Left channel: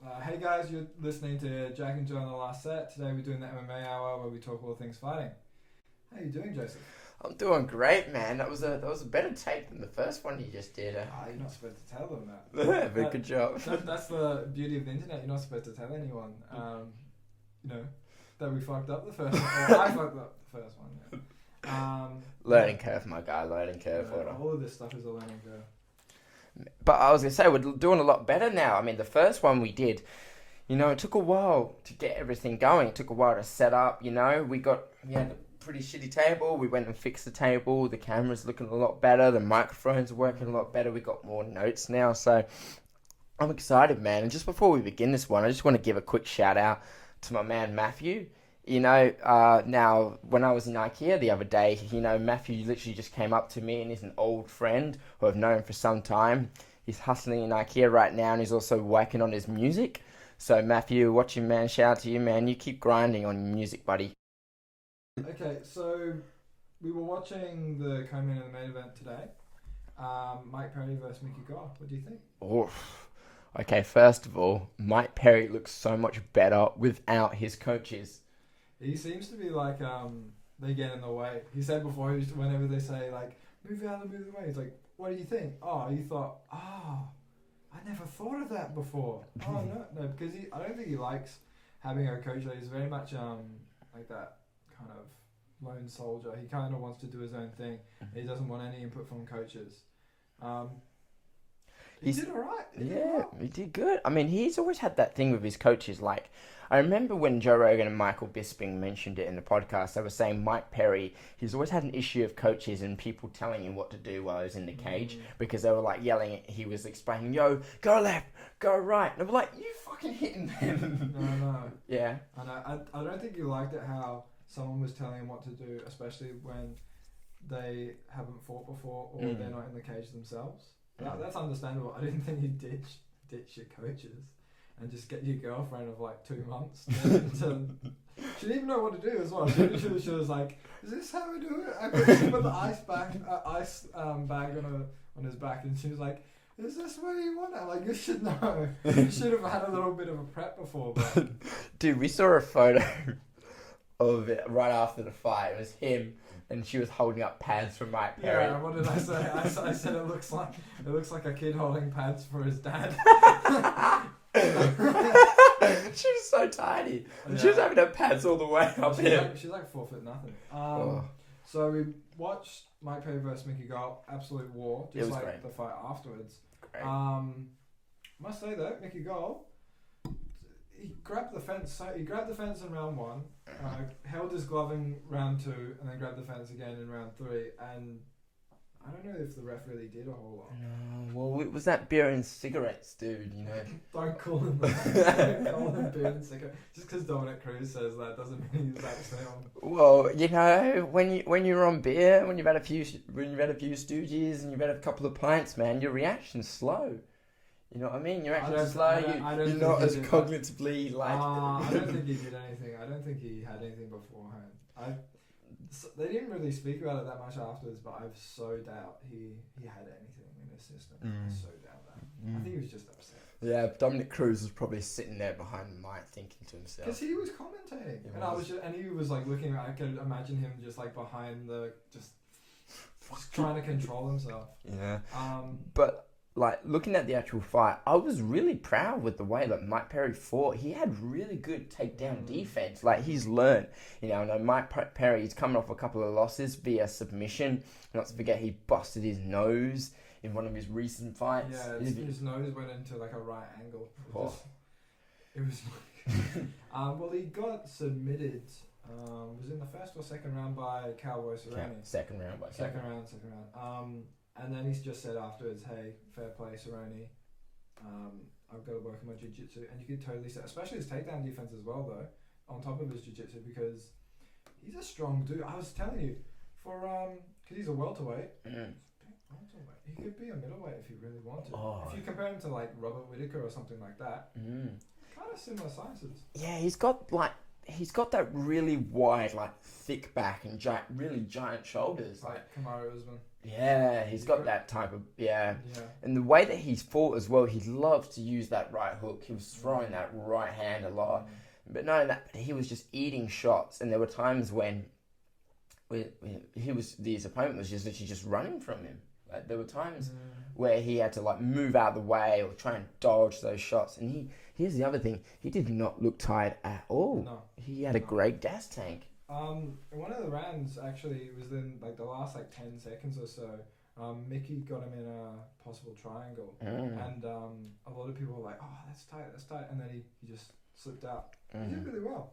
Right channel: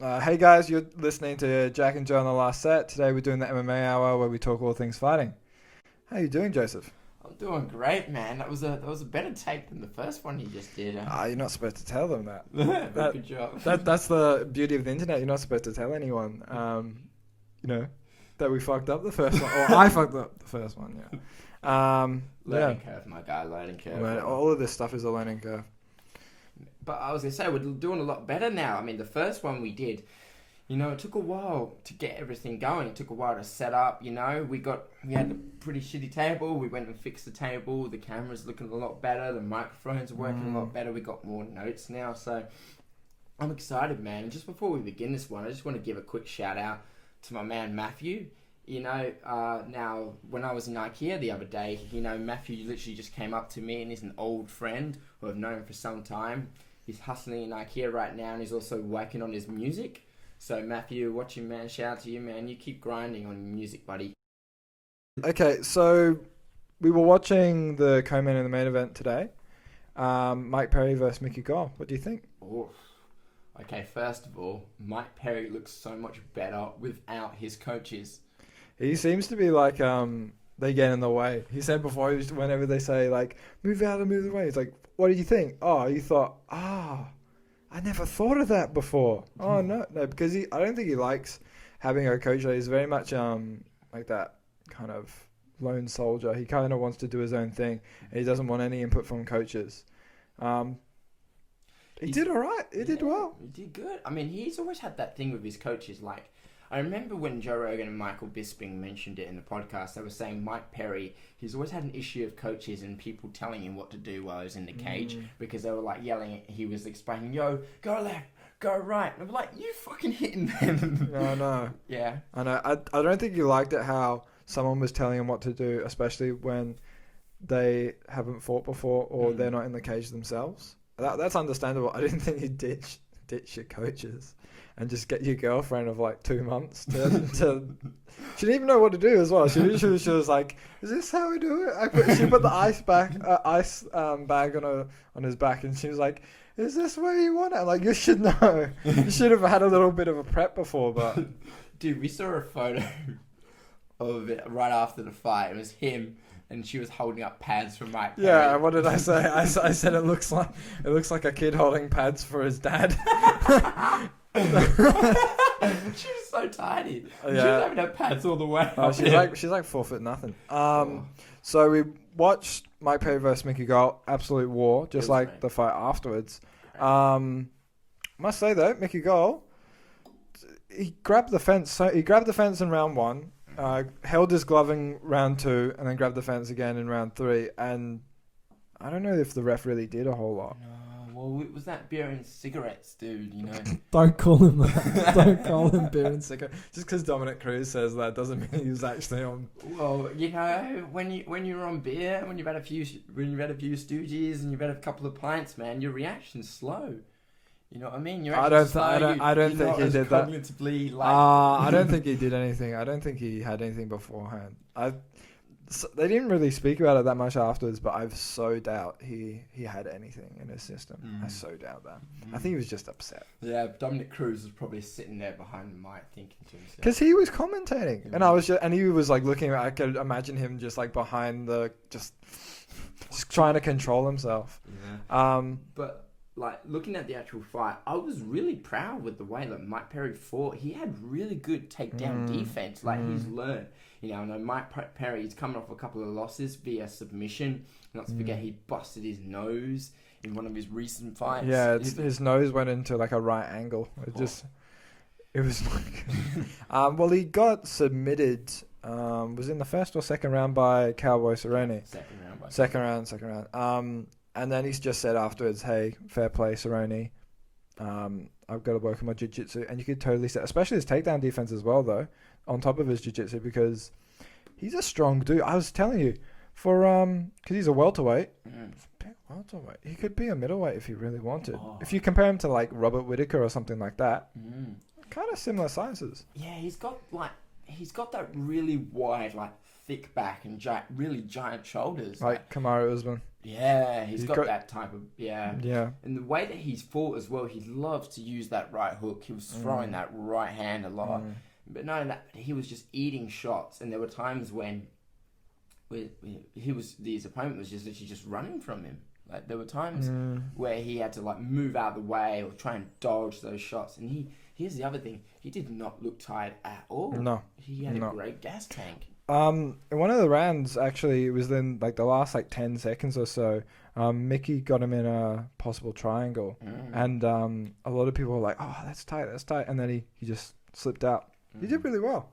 Hey guys, you're listening to Jack and Joe on the Last Set. Today we're doing the MMA hour where we talk all things fighting. How you doing, Joseph? I'm doing great, man. That was a better take than the first one you just did. You're not supposed to tell them that. But good job. That's the beauty of the internet. You're not supposed to tell anyone. That we fucked up the first one, or I fucked up the first one. Yeah. Learning curve, my guy. Learning curve. Right, all of this stuff is a learning curve. But I was gonna say we're doing a lot better now. I mean, the first one we did, it took a while to get everything going. It took a while to set up. We had a pretty shitty table. We went and fixed the table. The camera's looking a lot better. The microphones are working a lot better. We got more notes now, so I'm excited, man. And just before we begin this one, I just want to give a quick shout out to my man Matthew. Now when I was in IKEA the other day, Matthew literally just came up to me, and he's an old friend who I've known for some time. He's hustling in IKEA right now, and he's also working on his music. So Matthew, watching, man, shout out to you, man. You keep grinding on your music, buddy. Okay, so we were watching the co-main and the main event today. Mike Perry versus Mickey Gall. What do you think? Okay, first of all, Mike Perry looks so much better without his coaches. He seems to be like, they get in the way. He said before, whenever they say, like, move out and move away, he's like, what did you think? Oh, you thought, I never thought of that before. Oh, no, because I don't think he likes having a coach. He's very much like that kind of lone soldier. He kind of wants to do his own thing. He doesn't want any input from coaches. He did all right. He did well. He did good. I mean, he's always had that thing with his coaches. Like, I remember when Joe Rogan and Michael Bisping mentioned it in the podcast, they were saying Mike Perry, he's always had an issue of coaches and people telling him what to do while he was in the cage because they were like yelling. He was explaining, yo, go left, go right. And they were like, you fucking hitting them. No. Yeah. I know. I don't think he liked it how someone was telling him what to do, especially when they haven't fought before or they're not in the cage themselves. That's understandable. I didn't think he'd ditch your coaches and just get your girlfriend of like 2 months to she didn't even know what to do as well. She was like, "Is this how we do it?" She put the ice bag on his back, and she was like, "Is this where you want it?" I'm like, you should know. You should have had a little bit of a prep before, but dude, we saw a photo of it right after the fight. It was him. And she was holding up pads for Mike Perry. Yeah, what did I say? I said it looks like a kid holding pads for his dad. She was so tiny. Yeah. She was having her pads all the way. She's like 4 foot nothing. So we watched Mike Perry versus Mickey Gall, absolute war, just like great. The fight afterwards. Must say though, Mickey Gall, he grabbed the fence. So he grabbed the fence in round 1. Held his glove in round 2 and then grabbed the fence again in round 3, and I don't know if the ref really did a whole lot. No, well, it was that beer and cigarettes, dude, Don't call him that. Don't call him beer and cigarettes. Just because Dominic Cruz says that doesn't mean he's actually on. Well, when you're on beer, when you've had a few stooges and you've had a couple of pints, man, your reaction's slow. You know what I mean? I don't think he did that. Cognitively, I don't think he did anything. I don't think he had anything beforehand. They didn't really speak about it that much afterwards, but I so doubt he had anything in his system. I so doubt that. I think he was just upset. Yeah, Dominic Cruz was probably sitting there behind the mic thinking to himself. Because he was commentating, and he was like looking. I could imagine him just like behind just trying to control himself. Yeah. But. Like, looking at the actual fight, I was really proud with the way that Mike Perry fought. He had really good takedown defense. Like, he's learned. Mike Perry, he's coming off a couple of losses via submission. Not to forget, he busted his nose in one of his recent fights. Yeah, his nose went into, like, a right angle. It was like... well, he got submitted... was in the first or second round by Cowboy Cerrone. Second round. And then he's just said afterwards, hey, fair play, Cerrone. I've got to work on my jiu-jitsu. And you could totally say, especially his takedown defense as well, though, on top of his jiu-jitsu, because he's a strong dude. I was telling you, because he's a welterweight. Welterweight. He could be a middleweight if he really wanted. If you compare him to, like, Robert Whittaker or something like that, kind of similar sizes. Yeah, he's got that really wide, like, thick back and really giant shoulders. Like Kamaru Usman. Yeah, he's got that type of yeah. And the way that he's fought as well, he loves to use that right hook. He was throwing that right hand a lot, but no, that he was just eating shots. And there were times when his opponent was just literally just running from him. Like there were times where he had to like move out of the way or try and dodge those shots. And here's the other thing: he did not look tired at all. No, he had a great gas tank. In one of the rounds, actually, it was in like the last like 10 seconds or so. Mickey got him in a possible triangle, and a lot of people were like, "Oh, that's tight," and then he just slipped out. He did really well.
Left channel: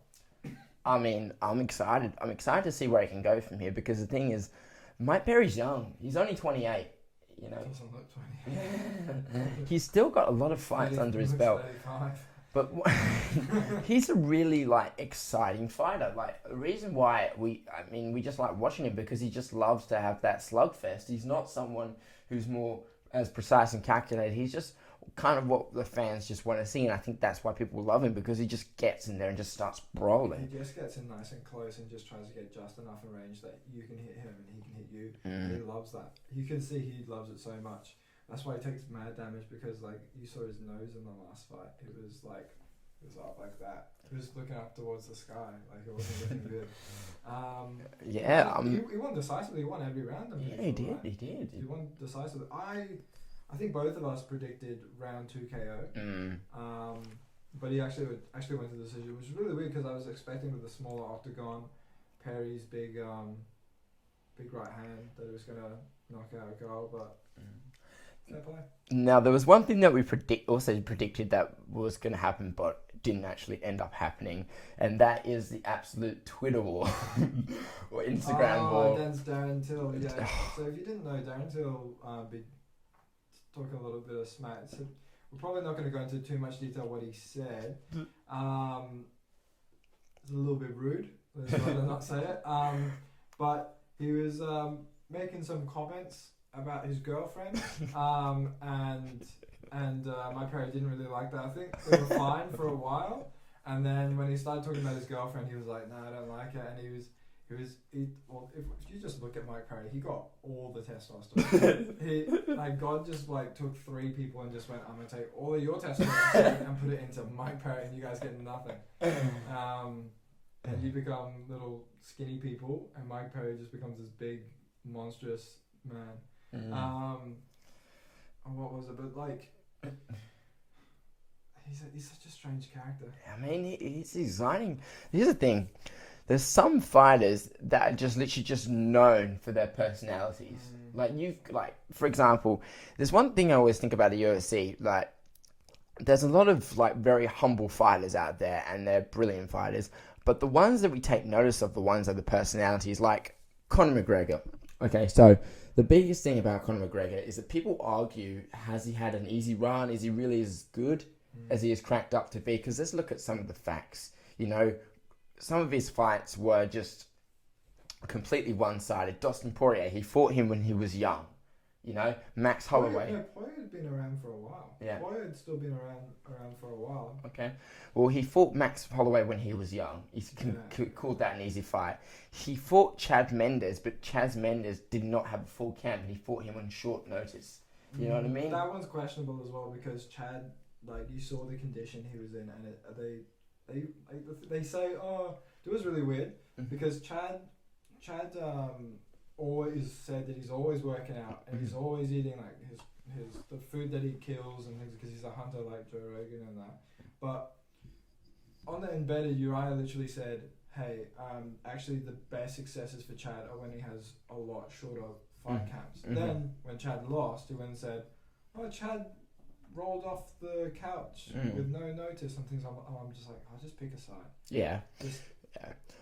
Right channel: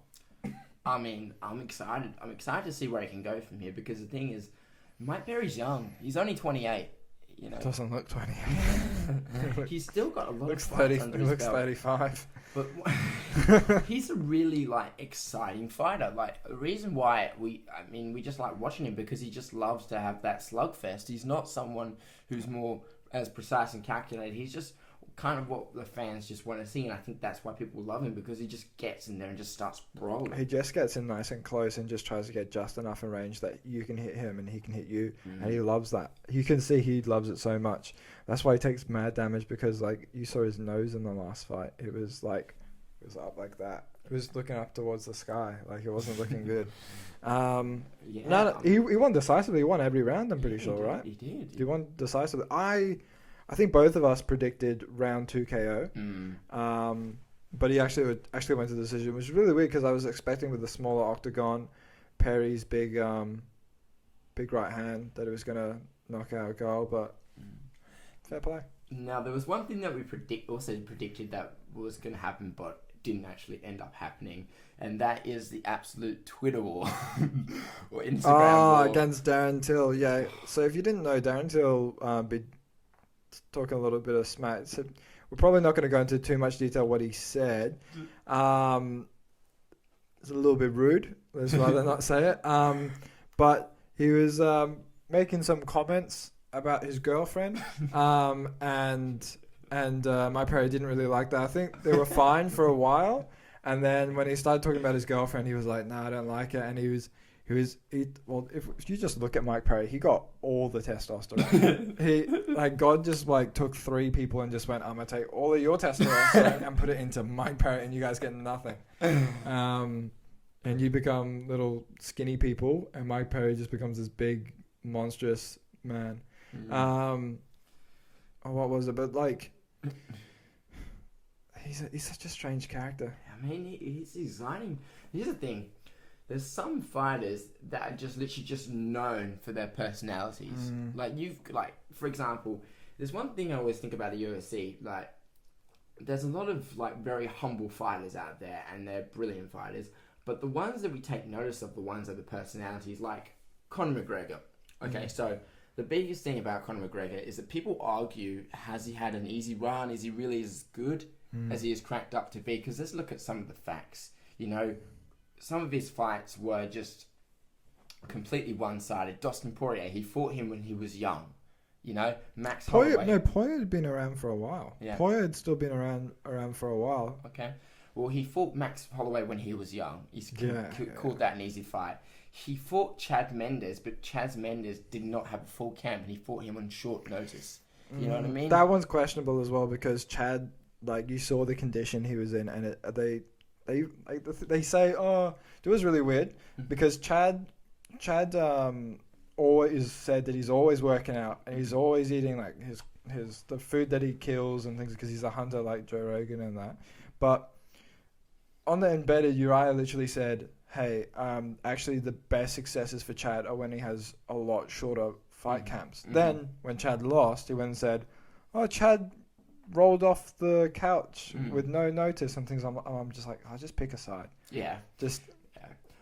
I mean, I'm excited. I'm excited to see where he can go from here because the thing is, Mike Perry's young. He's only 28. You know, doesn't look 28. He's still got a lot of fights under his belt. 35. But he's a really like exciting fighter. Like the reason why we just like watching him because he just loves to have that slugfest. He's not someone who's more as precise and calculated. He's just kind of what the fans just want to see, and I think that's why people love him because he just gets in there and just starts brawling. He just gets in nice and close and just tries to get just enough in range that you can hit him and he can hit you, and he loves that. You can see he loves it so much. That's why he takes mad damage because like you saw his nose in the last fight. It was up like that. He was looking up towards the sky, like it wasn't looking good. He won decisively. He won every round. I'm pretty sure, right? He did. He won decisively. I think both of us predicted round 2 KO. But he actually went to the decision, which is really weird because I was expecting with the smaller octagon, Perry's big right hand that it was gonna knock out a goal, but fair play. Now there was one thing that we predicted that was going to happen, but didn't actually end up happening, and that is the absolute Twitter war or Instagram war against Darren Till. Yeah. So if you didn't know, Darren Till be talking a little bit of smack. So we're probably not going to go into too much detail what he said. It's a little bit rude. Let's rather not say it. But he was making some comments about his girlfriend, and Mike Perry didn't really like that. I think they were fine for a while, and then when he started talking about his girlfriend, he was like, "No, I don't like it." And if you just look at Mike Perry, he got all the testosterone. God just like took 3 people and just went, "I'm gonna take all of your testosterone and put it into Mike Perry, and you guys get nothing." And you become little skinny people, and Mike Perry just becomes this big, monstrous man. What was it? But like, he's such a strange character. I mean, he's exciting. Here's the thing: there's some fighters that are just literally just known for their personalities. For example, there's one thing I always think about the UFC. Like, there's a lot of like very humble fighters out there, and they're brilliant fighters. But the ones that we take notice of, the ones that are the personalities, like Conor McGregor. Okay, so the biggest thing about Conor McGregor is that people argue, has he had an easy run? Is he really as good as he is cracked up to be? Because let's look at some of the facts. You know, some of his fights were just completely one-sided. Dustin Poirier, he fought him when he was young. You know, Max Holloway. Poirier had been around for a while. Yeah. Poirier had still been around for a while. Okay. Well, he fought Max Holloway when he was young. He called that an easy fight. He fought Chad Mendes, but Chad Mendes did not have a full camp, and he fought him on short notice. You know what I mean? That one's questionable as well because Chad, like, you saw the condition he was in, and they say, it was really weird because Chad always said that he's always working out and he's always eating like the food that he kills and things because he's a hunter like Joe Rogan and that. But on the embedded, Uriah literally said, "Hey, actually the best successes for Chad are when he has a lot shorter fight camps." Then when Chad lost, he went and said, "Oh, Chad rolled off the couch with no notice and things." I'm just like, I'll just pick a side. Yeah.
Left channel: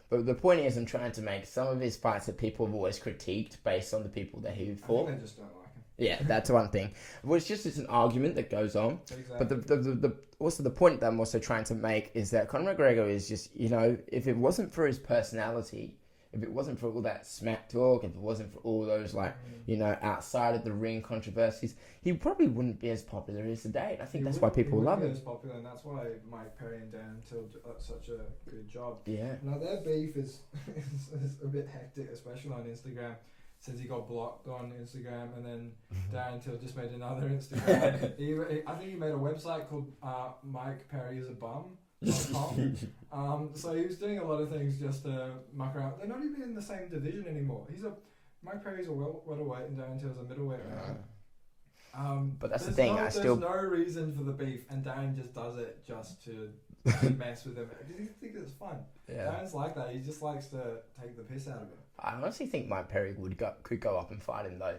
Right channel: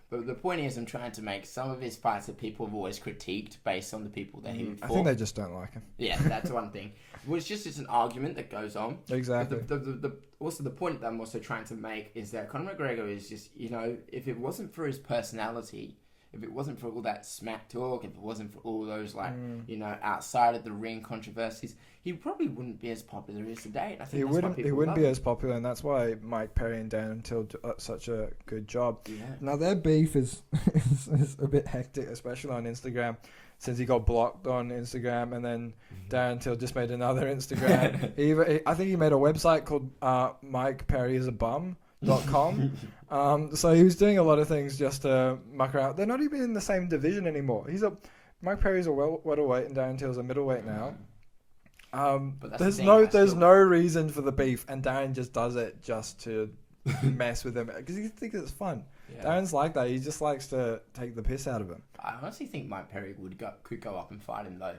But the point is, I'm trying to make some of his fights that people have always critiqued based on the people that he fought. I think they just don't like him. Yeah, that's one thing. Well, it's an argument that goes on. Exactly. But also the point that I'm also trying to make is that Conor McGregor is just, you know, if it wasn't for his personality, if it wasn't for all that smack talk, if it wasn't for all those you know, outside of the ring controversies, he probably wouldn't be as popular as today. And I think that's why people love him. He wouldn't be as popular, and that's why Mike Perry and Darren Till do such a good job. Yeah. Now their beef is a bit hectic, especially on Instagram. since he got blocked on Instagram, and then Darren Till just made another Instagram. I think he made a website called MikePerryIsABum.com. So he was doing a lot of things just to muck around. They're not even in the same division anymore. Mike Perry's a welterweight and Darren Till's a middleweight now. But there's no reason for the beef, and Darren just does it just to mess with him because he thinks it's fun. Yeah. Darren's like that. He just likes to take the piss out of him. I honestly think Mike Perry could go up and fight him though,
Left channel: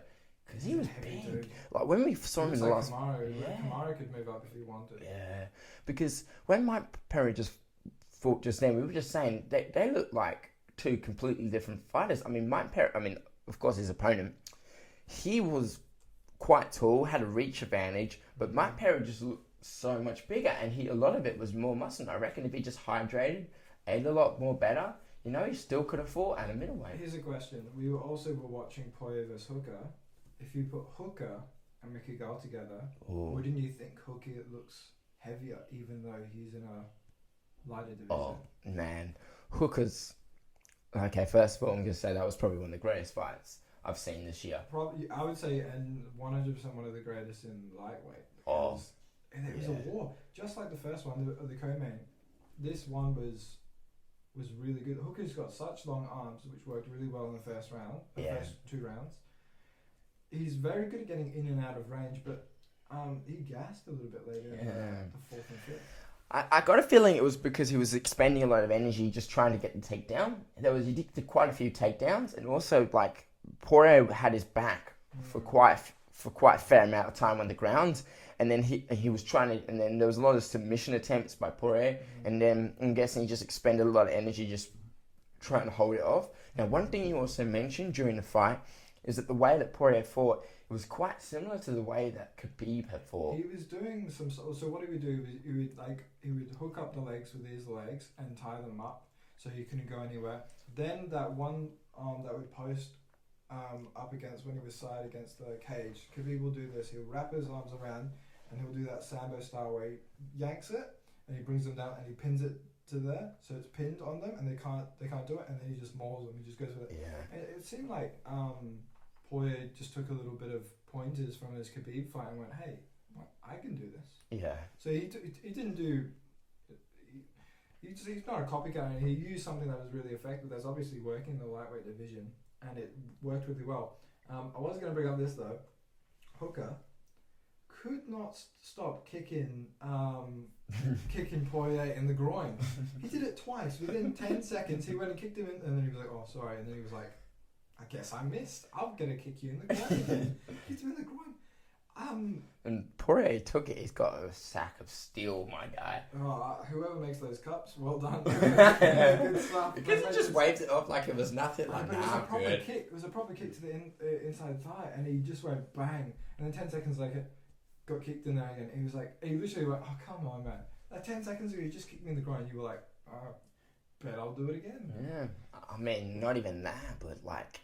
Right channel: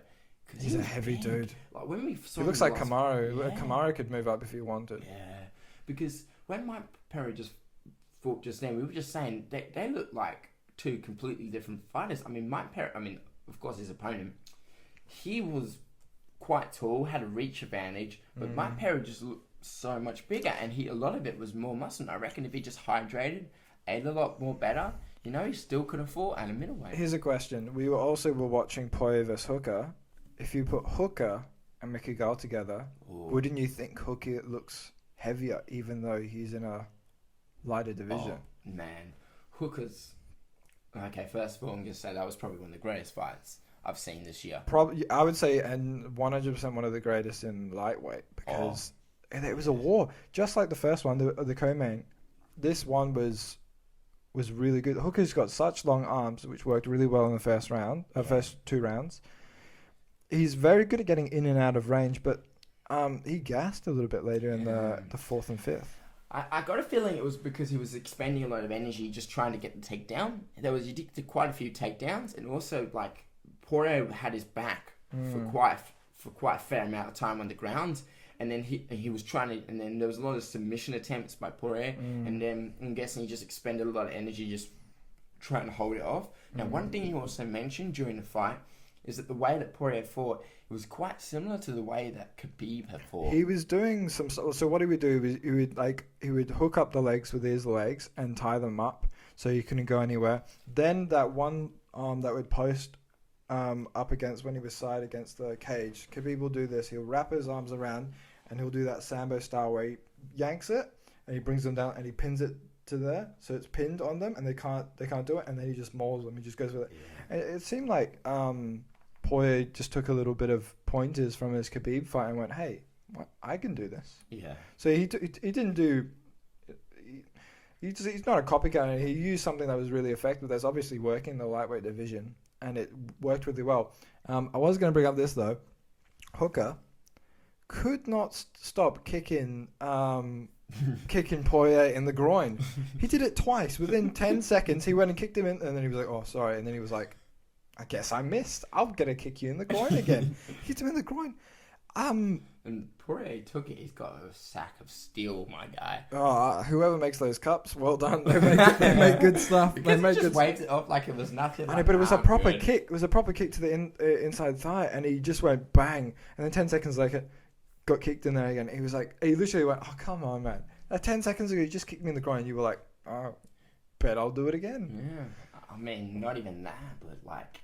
because he's a heavy dude. Like when we saw he looks like Kamaru. Yeah. Kamaru could move up if he wanted. Yeah, because when Mike Perry just fought just then, we were just saying they look like two completely different fighters. I mean, Mike Perry. I mean, of course, his opponent, he was quite tall, had a reach advantage, but Mike Perry just looked so much bigger, and a lot of it was more muscle. I reckon if he just hydrated, ate a lot more better, he still could have fought at a middleweight. Here's a question: we were watching Poirier vs Hooker. If you put Hooker and Mickey Gall together, wouldn't you think Hooker looks heavier, even though he's in a lighter division? Oh man, Hooker's okay. First of all, I'm gonna say that was probably one of the greatest fights I've seen this year. Probably, I would say, and 100% one of the greatest in lightweight, because it was a war, just like the first one, the co-main. This one was really good. Hooker's got such long arms, which worked really well in the first two rounds. He's very good at getting in and out of range, but he gassed a little bit later in the fourth and fifth. I got a feeling it was because he was expending a lot of energy just trying to get the takedown. He did quite a few takedowns, and also like Poirier had his back for quite a fair amount of time on the ground, and then he was trying to, and then there was a lot of submission attempts by Poirier, and then I'm guessing he just expended a lot of energy just trying to hold it off. Now, one thing you also mentioned during the fight is that the way that Poirier fought, it was quite similar to the way that Khabib had fought. He was doing some. So what he would do is he would hook up the legs with his legs and tie them up so he couldn't go anywhere. Then that one arm that would post up against when he was side against the cage, Khabib will do this. He'll wrap his arms around and he'll do that Sambo style where he yanks it and he brings them down and he pins it to there, so it's pinned on them and they can't do it, and then he just mauls them. He just goes with it. Yeah. And it seemed like Poirier just took a little bit of pointers from his Khabib fight and went, "Hey, I can do this." Yeah. So he didn't do. He's not a copycat. He used something that was really effective. That's obviously working in the lightweight division, and it worked really well. I was going to bring up this though. Hooker could not stop kicking Poirier in the groin. He did it twice. Within 10 seconds, he went and kicked him in, and then he was like, "Oh, sorry," and then he was like, "I guess I missed. I'm gonna kick you in the groin again." Hit him in the groin. And Poirier took it. He's got a sack of steel, my guy. Oh, whoever makes those cups, well done. They make good stuff. Because he just waved it up like it was nothing. But it was a proper kick. It was a proper kick to the inside thigh, and he just went bang. And then 10 seconds later, got kicked in there again. He was like, he literally went, "Oh, come on, man. 10 seconds ago, you just kicked me in the groin." You were like, "Oh, bet I'll do it again." Yeah. I mean, not even that, but like,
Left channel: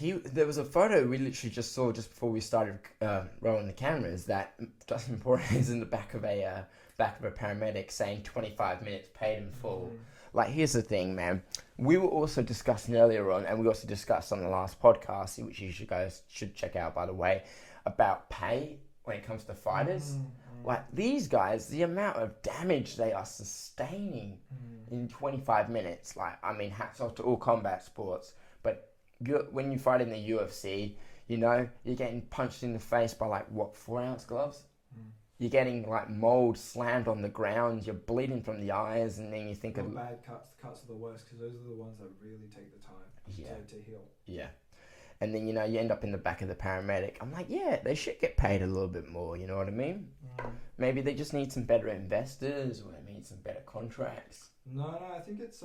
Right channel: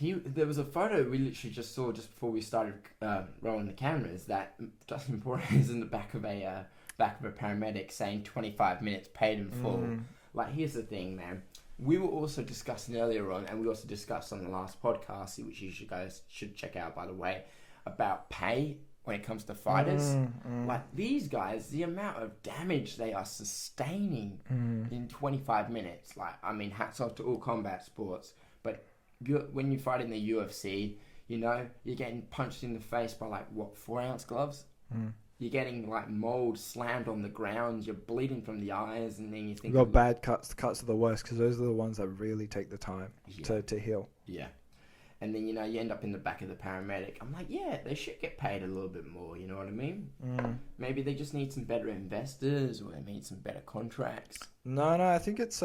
there was a photo we literally just saw just before we started rolling the cameras that Dustin Poirier is in the back of a paramedic saying 25 minutes paid in full. Like, here's the thing, man. We were also discussing earlier on, and we also discussed on the last podcast, which you guys should check out, by the way, about pay when it comes to fighters. Like, these guys, the amount of damage they are sustaining in 25 minutes. Like, I mean, hats off to all combat sports, but when you fight in the UFC, you're getting punched in the face by 4-ounce gloves. You're getting mold slammed on the ground. You're bleeding from the eyes, and then you think you've got bad cuts. The cuts are the worst because those are the ones that really take the time to heal. Yeah, and then you end up in the back of the paramedic. I'm like, yeah, they should get paid a little bit more. You know what I mean? Maybe they just need some better investors, or they need some better contracts. No, I think it's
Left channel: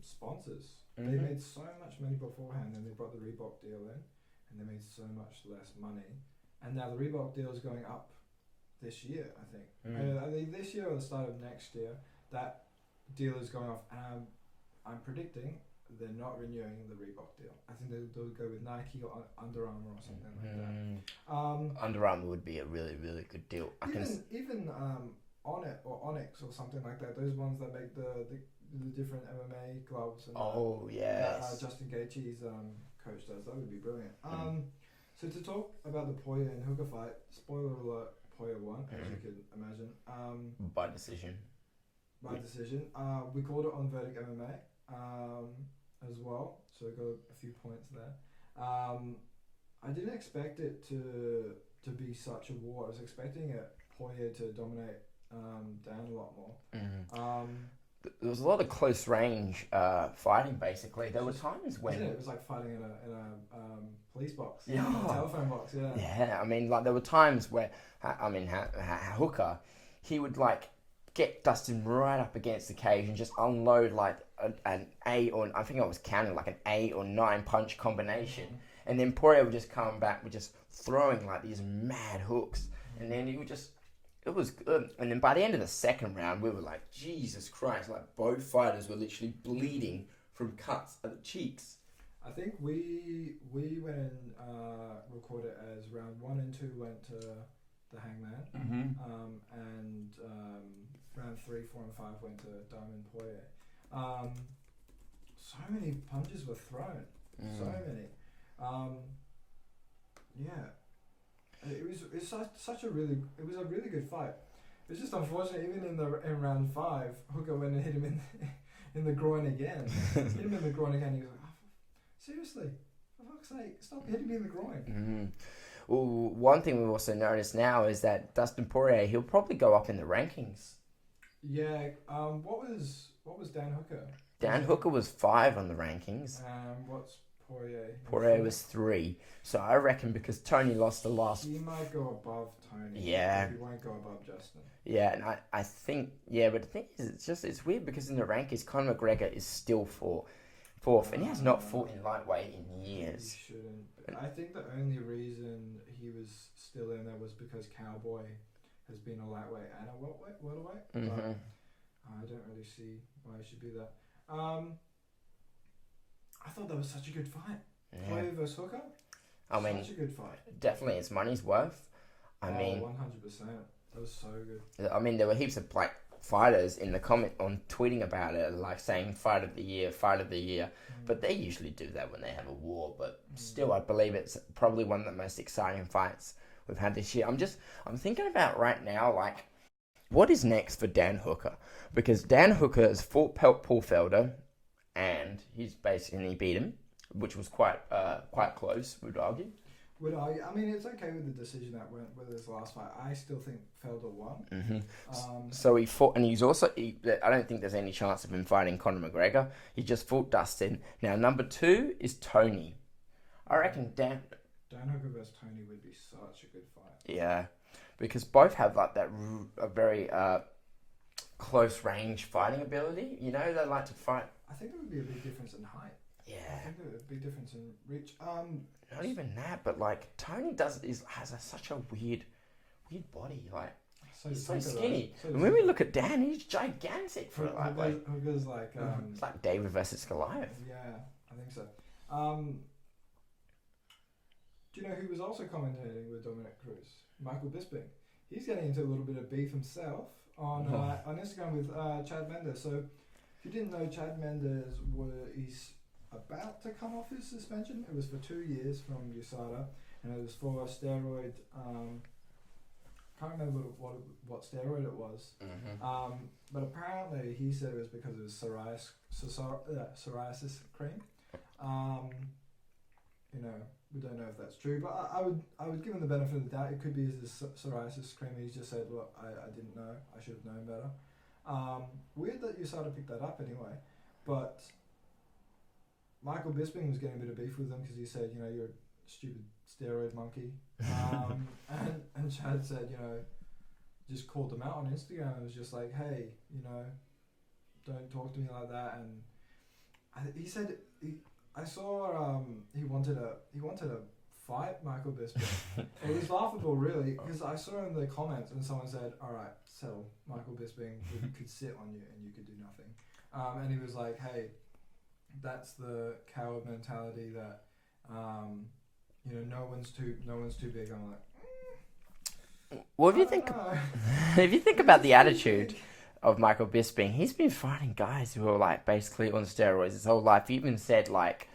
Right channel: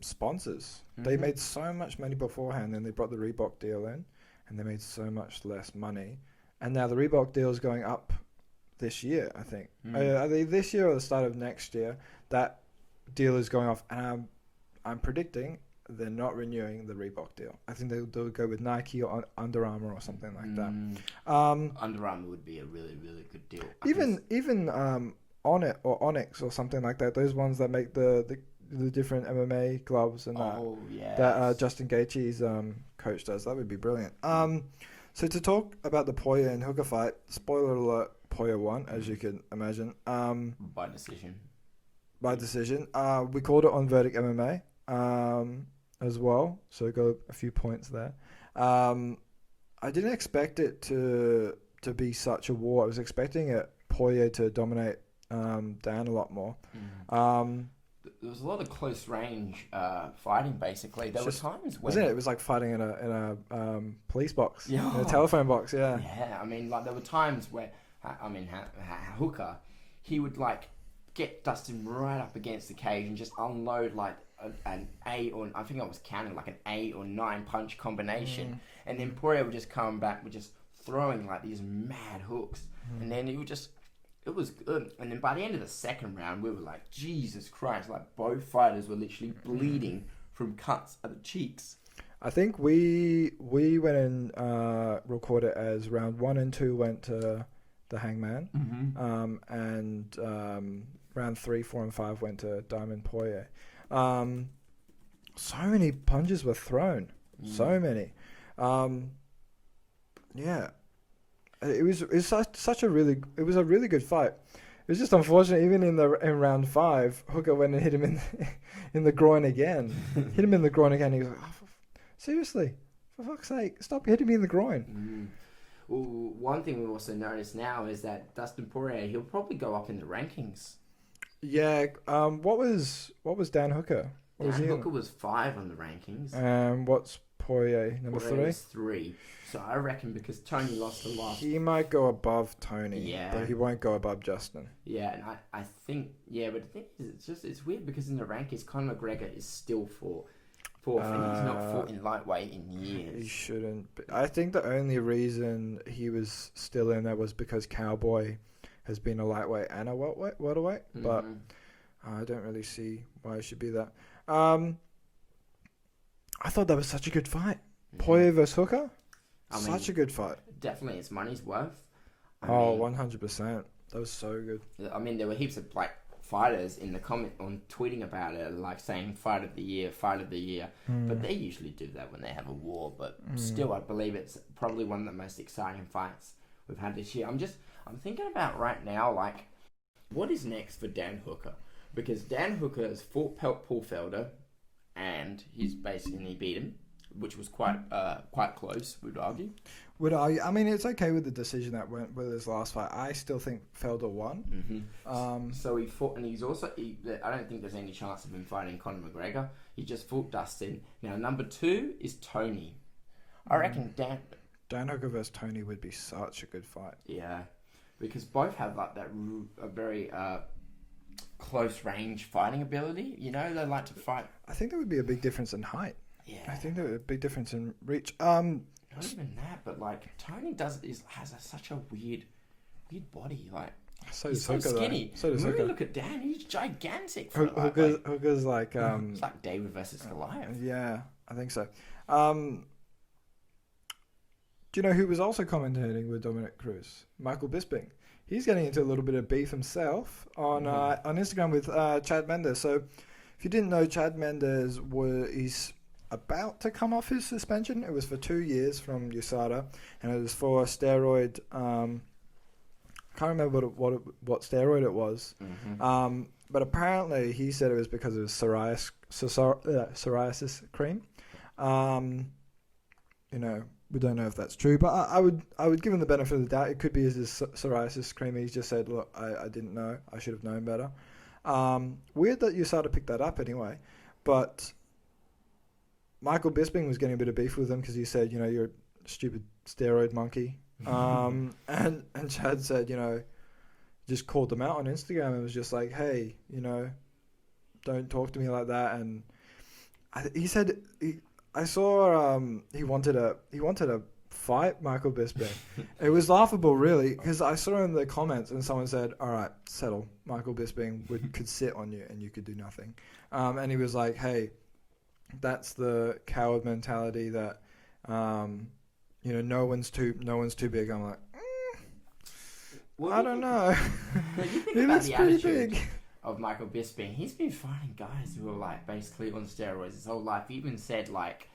sponsors. They made so much money beforehand, then they brought the Reebok deal in, and they made so much less money. And now the Reebok deal is going up this year, I think. Either this year or the start of next year, that deal is going off. And I'm predicting they're not renewing the Reebok deal. I think they'll go with Nike or Under Armour or something like that. Under Armour would be a really, really good deal. Even Onnit or Onyx or something like that. Those ones that make the different MMA gloves and that Justin Gaethje's coach does. That would be brilliant. So to talk about the Poirier and Hooker fight, spoiler alert, Poirier won, as you can imagine. By decision. By decision. We called it on Verdict MMA as well, so got a few points there. I didn't expect it to be such a war. I was expecting Poirier to dominate Dan a lot more. There was a lot of close range fighting. Basically, there were times when it was like fighting in a police box, in a telephone box. Yeah. Yeah, I mean, like there were times where Hooker, he would like get Dustin right up against the cage and just unload like an 8 or I think I was counting like an 8 or 9 punch combination, and then Poirier would just come back with just throwing like these mad hooks, and then it was good. And then by the end of the second round, we were like, Jesus Christ, like both fighters were literally bleeding from cuts at the cheeks. I think we went and recorded as round 1 and 2 went to the Hangman, and round 3, 4, and 5 went to Diamond Poirier. So many punches were thrown, so many. Yeah. It was a really good fight. It was just unfortunate. Even in round 5, Hooker went and hit him in the groin again. Hit him in the groin again. He was like, oh, seriously, for fuck's sake, stop hitting me in the groin. Well, one thing we also noticed now is that Dustin Poirier, he'll probably go up in the rankings. Yeah. What was Dan Hooker? Dan Hooker was 5 on the rankings. What's Poirier, number 3? Poirier was 3. So I reckon because Tony lost the last... He might go above Tony. Yeah. But he won't go above Justin. Yeah, and I think... Yeah, but the thing is, it's weird because in the rankings, Conor McGregor is still 4th, and he's not fought in lightweight in years. He shouldn't. I think the only reason he was still in there was because Cowboy has been a lightweight and a welterweight, but I don't really see why it should be that. I thought that was such a good fight. Poirier versus Hooker? Such a good fight. Definitely, it's money's worth. I mean, 100%. That was so good. I mean, there were heaps of like fighters in the comment on tweeting about it, like saying fight of the year. But they usually do that when they have a war. But still, I believe it's probably one of the most exciting fights we've had this year. I'm thinking about right now, like, what is next for Dan Hooker? Because Dan Hooker has fought Paul Felder, and he beat him, which was quite close, we'd argue. I mean, it's okay with the decision that went with his last fight. I still think Felder won. So he fought, and I don't think there's any chance of him fighting Conor McGregor. He just fought Dustin. Now, number 2 is Tony. I reckon Dan Hooker versus Tony would be such a good fight. Yeah, because both have like a very close range fighting ability. You know, they like to fight. I think there would be a big difference in height. Yeah, I think there would be a big difference in reach. Not even that, but like Tony has such a weird body. Like he's so skinny. When we look at Dan, he's gigantic. Hooker's like it's like David versus Goliath. Yeah, I think so. Do you know who was also commentating with Dominic Cruz? Michael Bisping. He's getting into a little bit of beef himself on Instagram with Chad Mendes. So if you didn't know, Chad Mendes he's about to come off his suspension. It was for 2 years from USADA, and it was for steroid. Can't remember what steroid it was. But apparently he said it was because of his psoriasis cream. You know, we don't know if that's true, but I would give him the benefit of the doubt. It could be his psoriasis cream. He's just said, look, I didn't know. I should have known better. Weird that USADA picked that up anyway, but Michael Bisping was getting a bit of beef with him because he said, you know, you're a stupid steroid monkey. And Chad said, you know, just called them out on Instagram and was just like, hey, you know, don't talk to me like that. And he said, I saw he wanted to fight Michael Bisping. It was laughable, really, because I saw in the comments and someone said, all right, settle. Michael Bisping could sit on you and you could do nothing. And he was like, hey, that's the coward mentality that, you know, no one's too big. I'm like, well, I don't know. If you think about the attitude of Michael Bisping, he's been fighting guys who are like basically on steroids his whole life. He even said like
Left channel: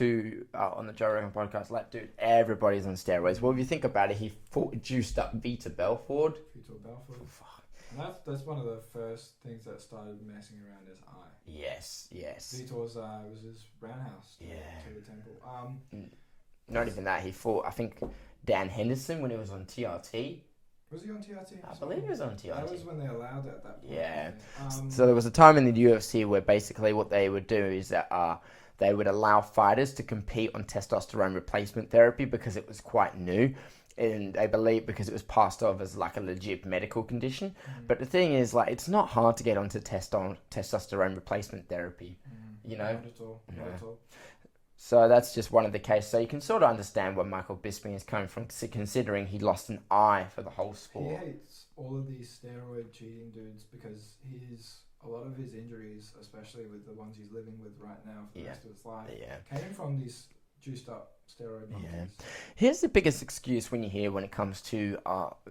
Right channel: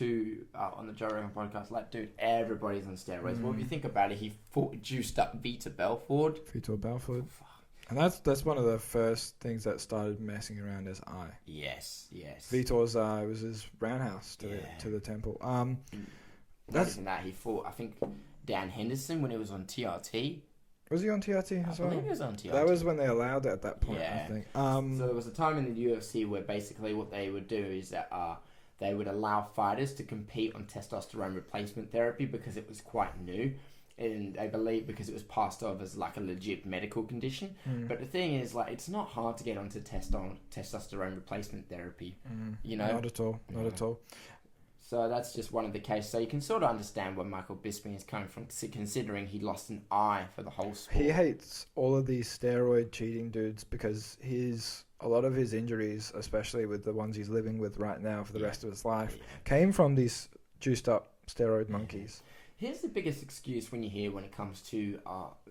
on the Joe Rogan podcast, like, dude, everybody's on steroids. Well, if you think about it, he juiced up Vitor Belfort. And that's one of the first things that started messing around his eye. Yes. Vitor's eye was his roundhouse to the temple. Not even that, he fought, I think, Dan Henderson when he was on TRT. Was he on TRT as well? I believe he was on TRT. That was when they allowed it at that point, Yeah. I think. So there was a time in the UFC where basically what they would do is that they would allow fighters to compete on testosterone replacement therapy because it was quite new. And they believe because it was passed off as like a legit medical condition. But the thing is, like, it's not hard to get onto testosterone replacement therapy. You know? Not at all. So that's just one of the cases. So you can sort of understand where Michael Bisping is coming from, considering he lost an eye for the whole sport. He hates all of these steroid cheating dudes because a lot of his injuries, especially with the ones he's living with right now for the rest of his life, came from these juiced up steroid monkeys. Here's the biggest excuse when it comes to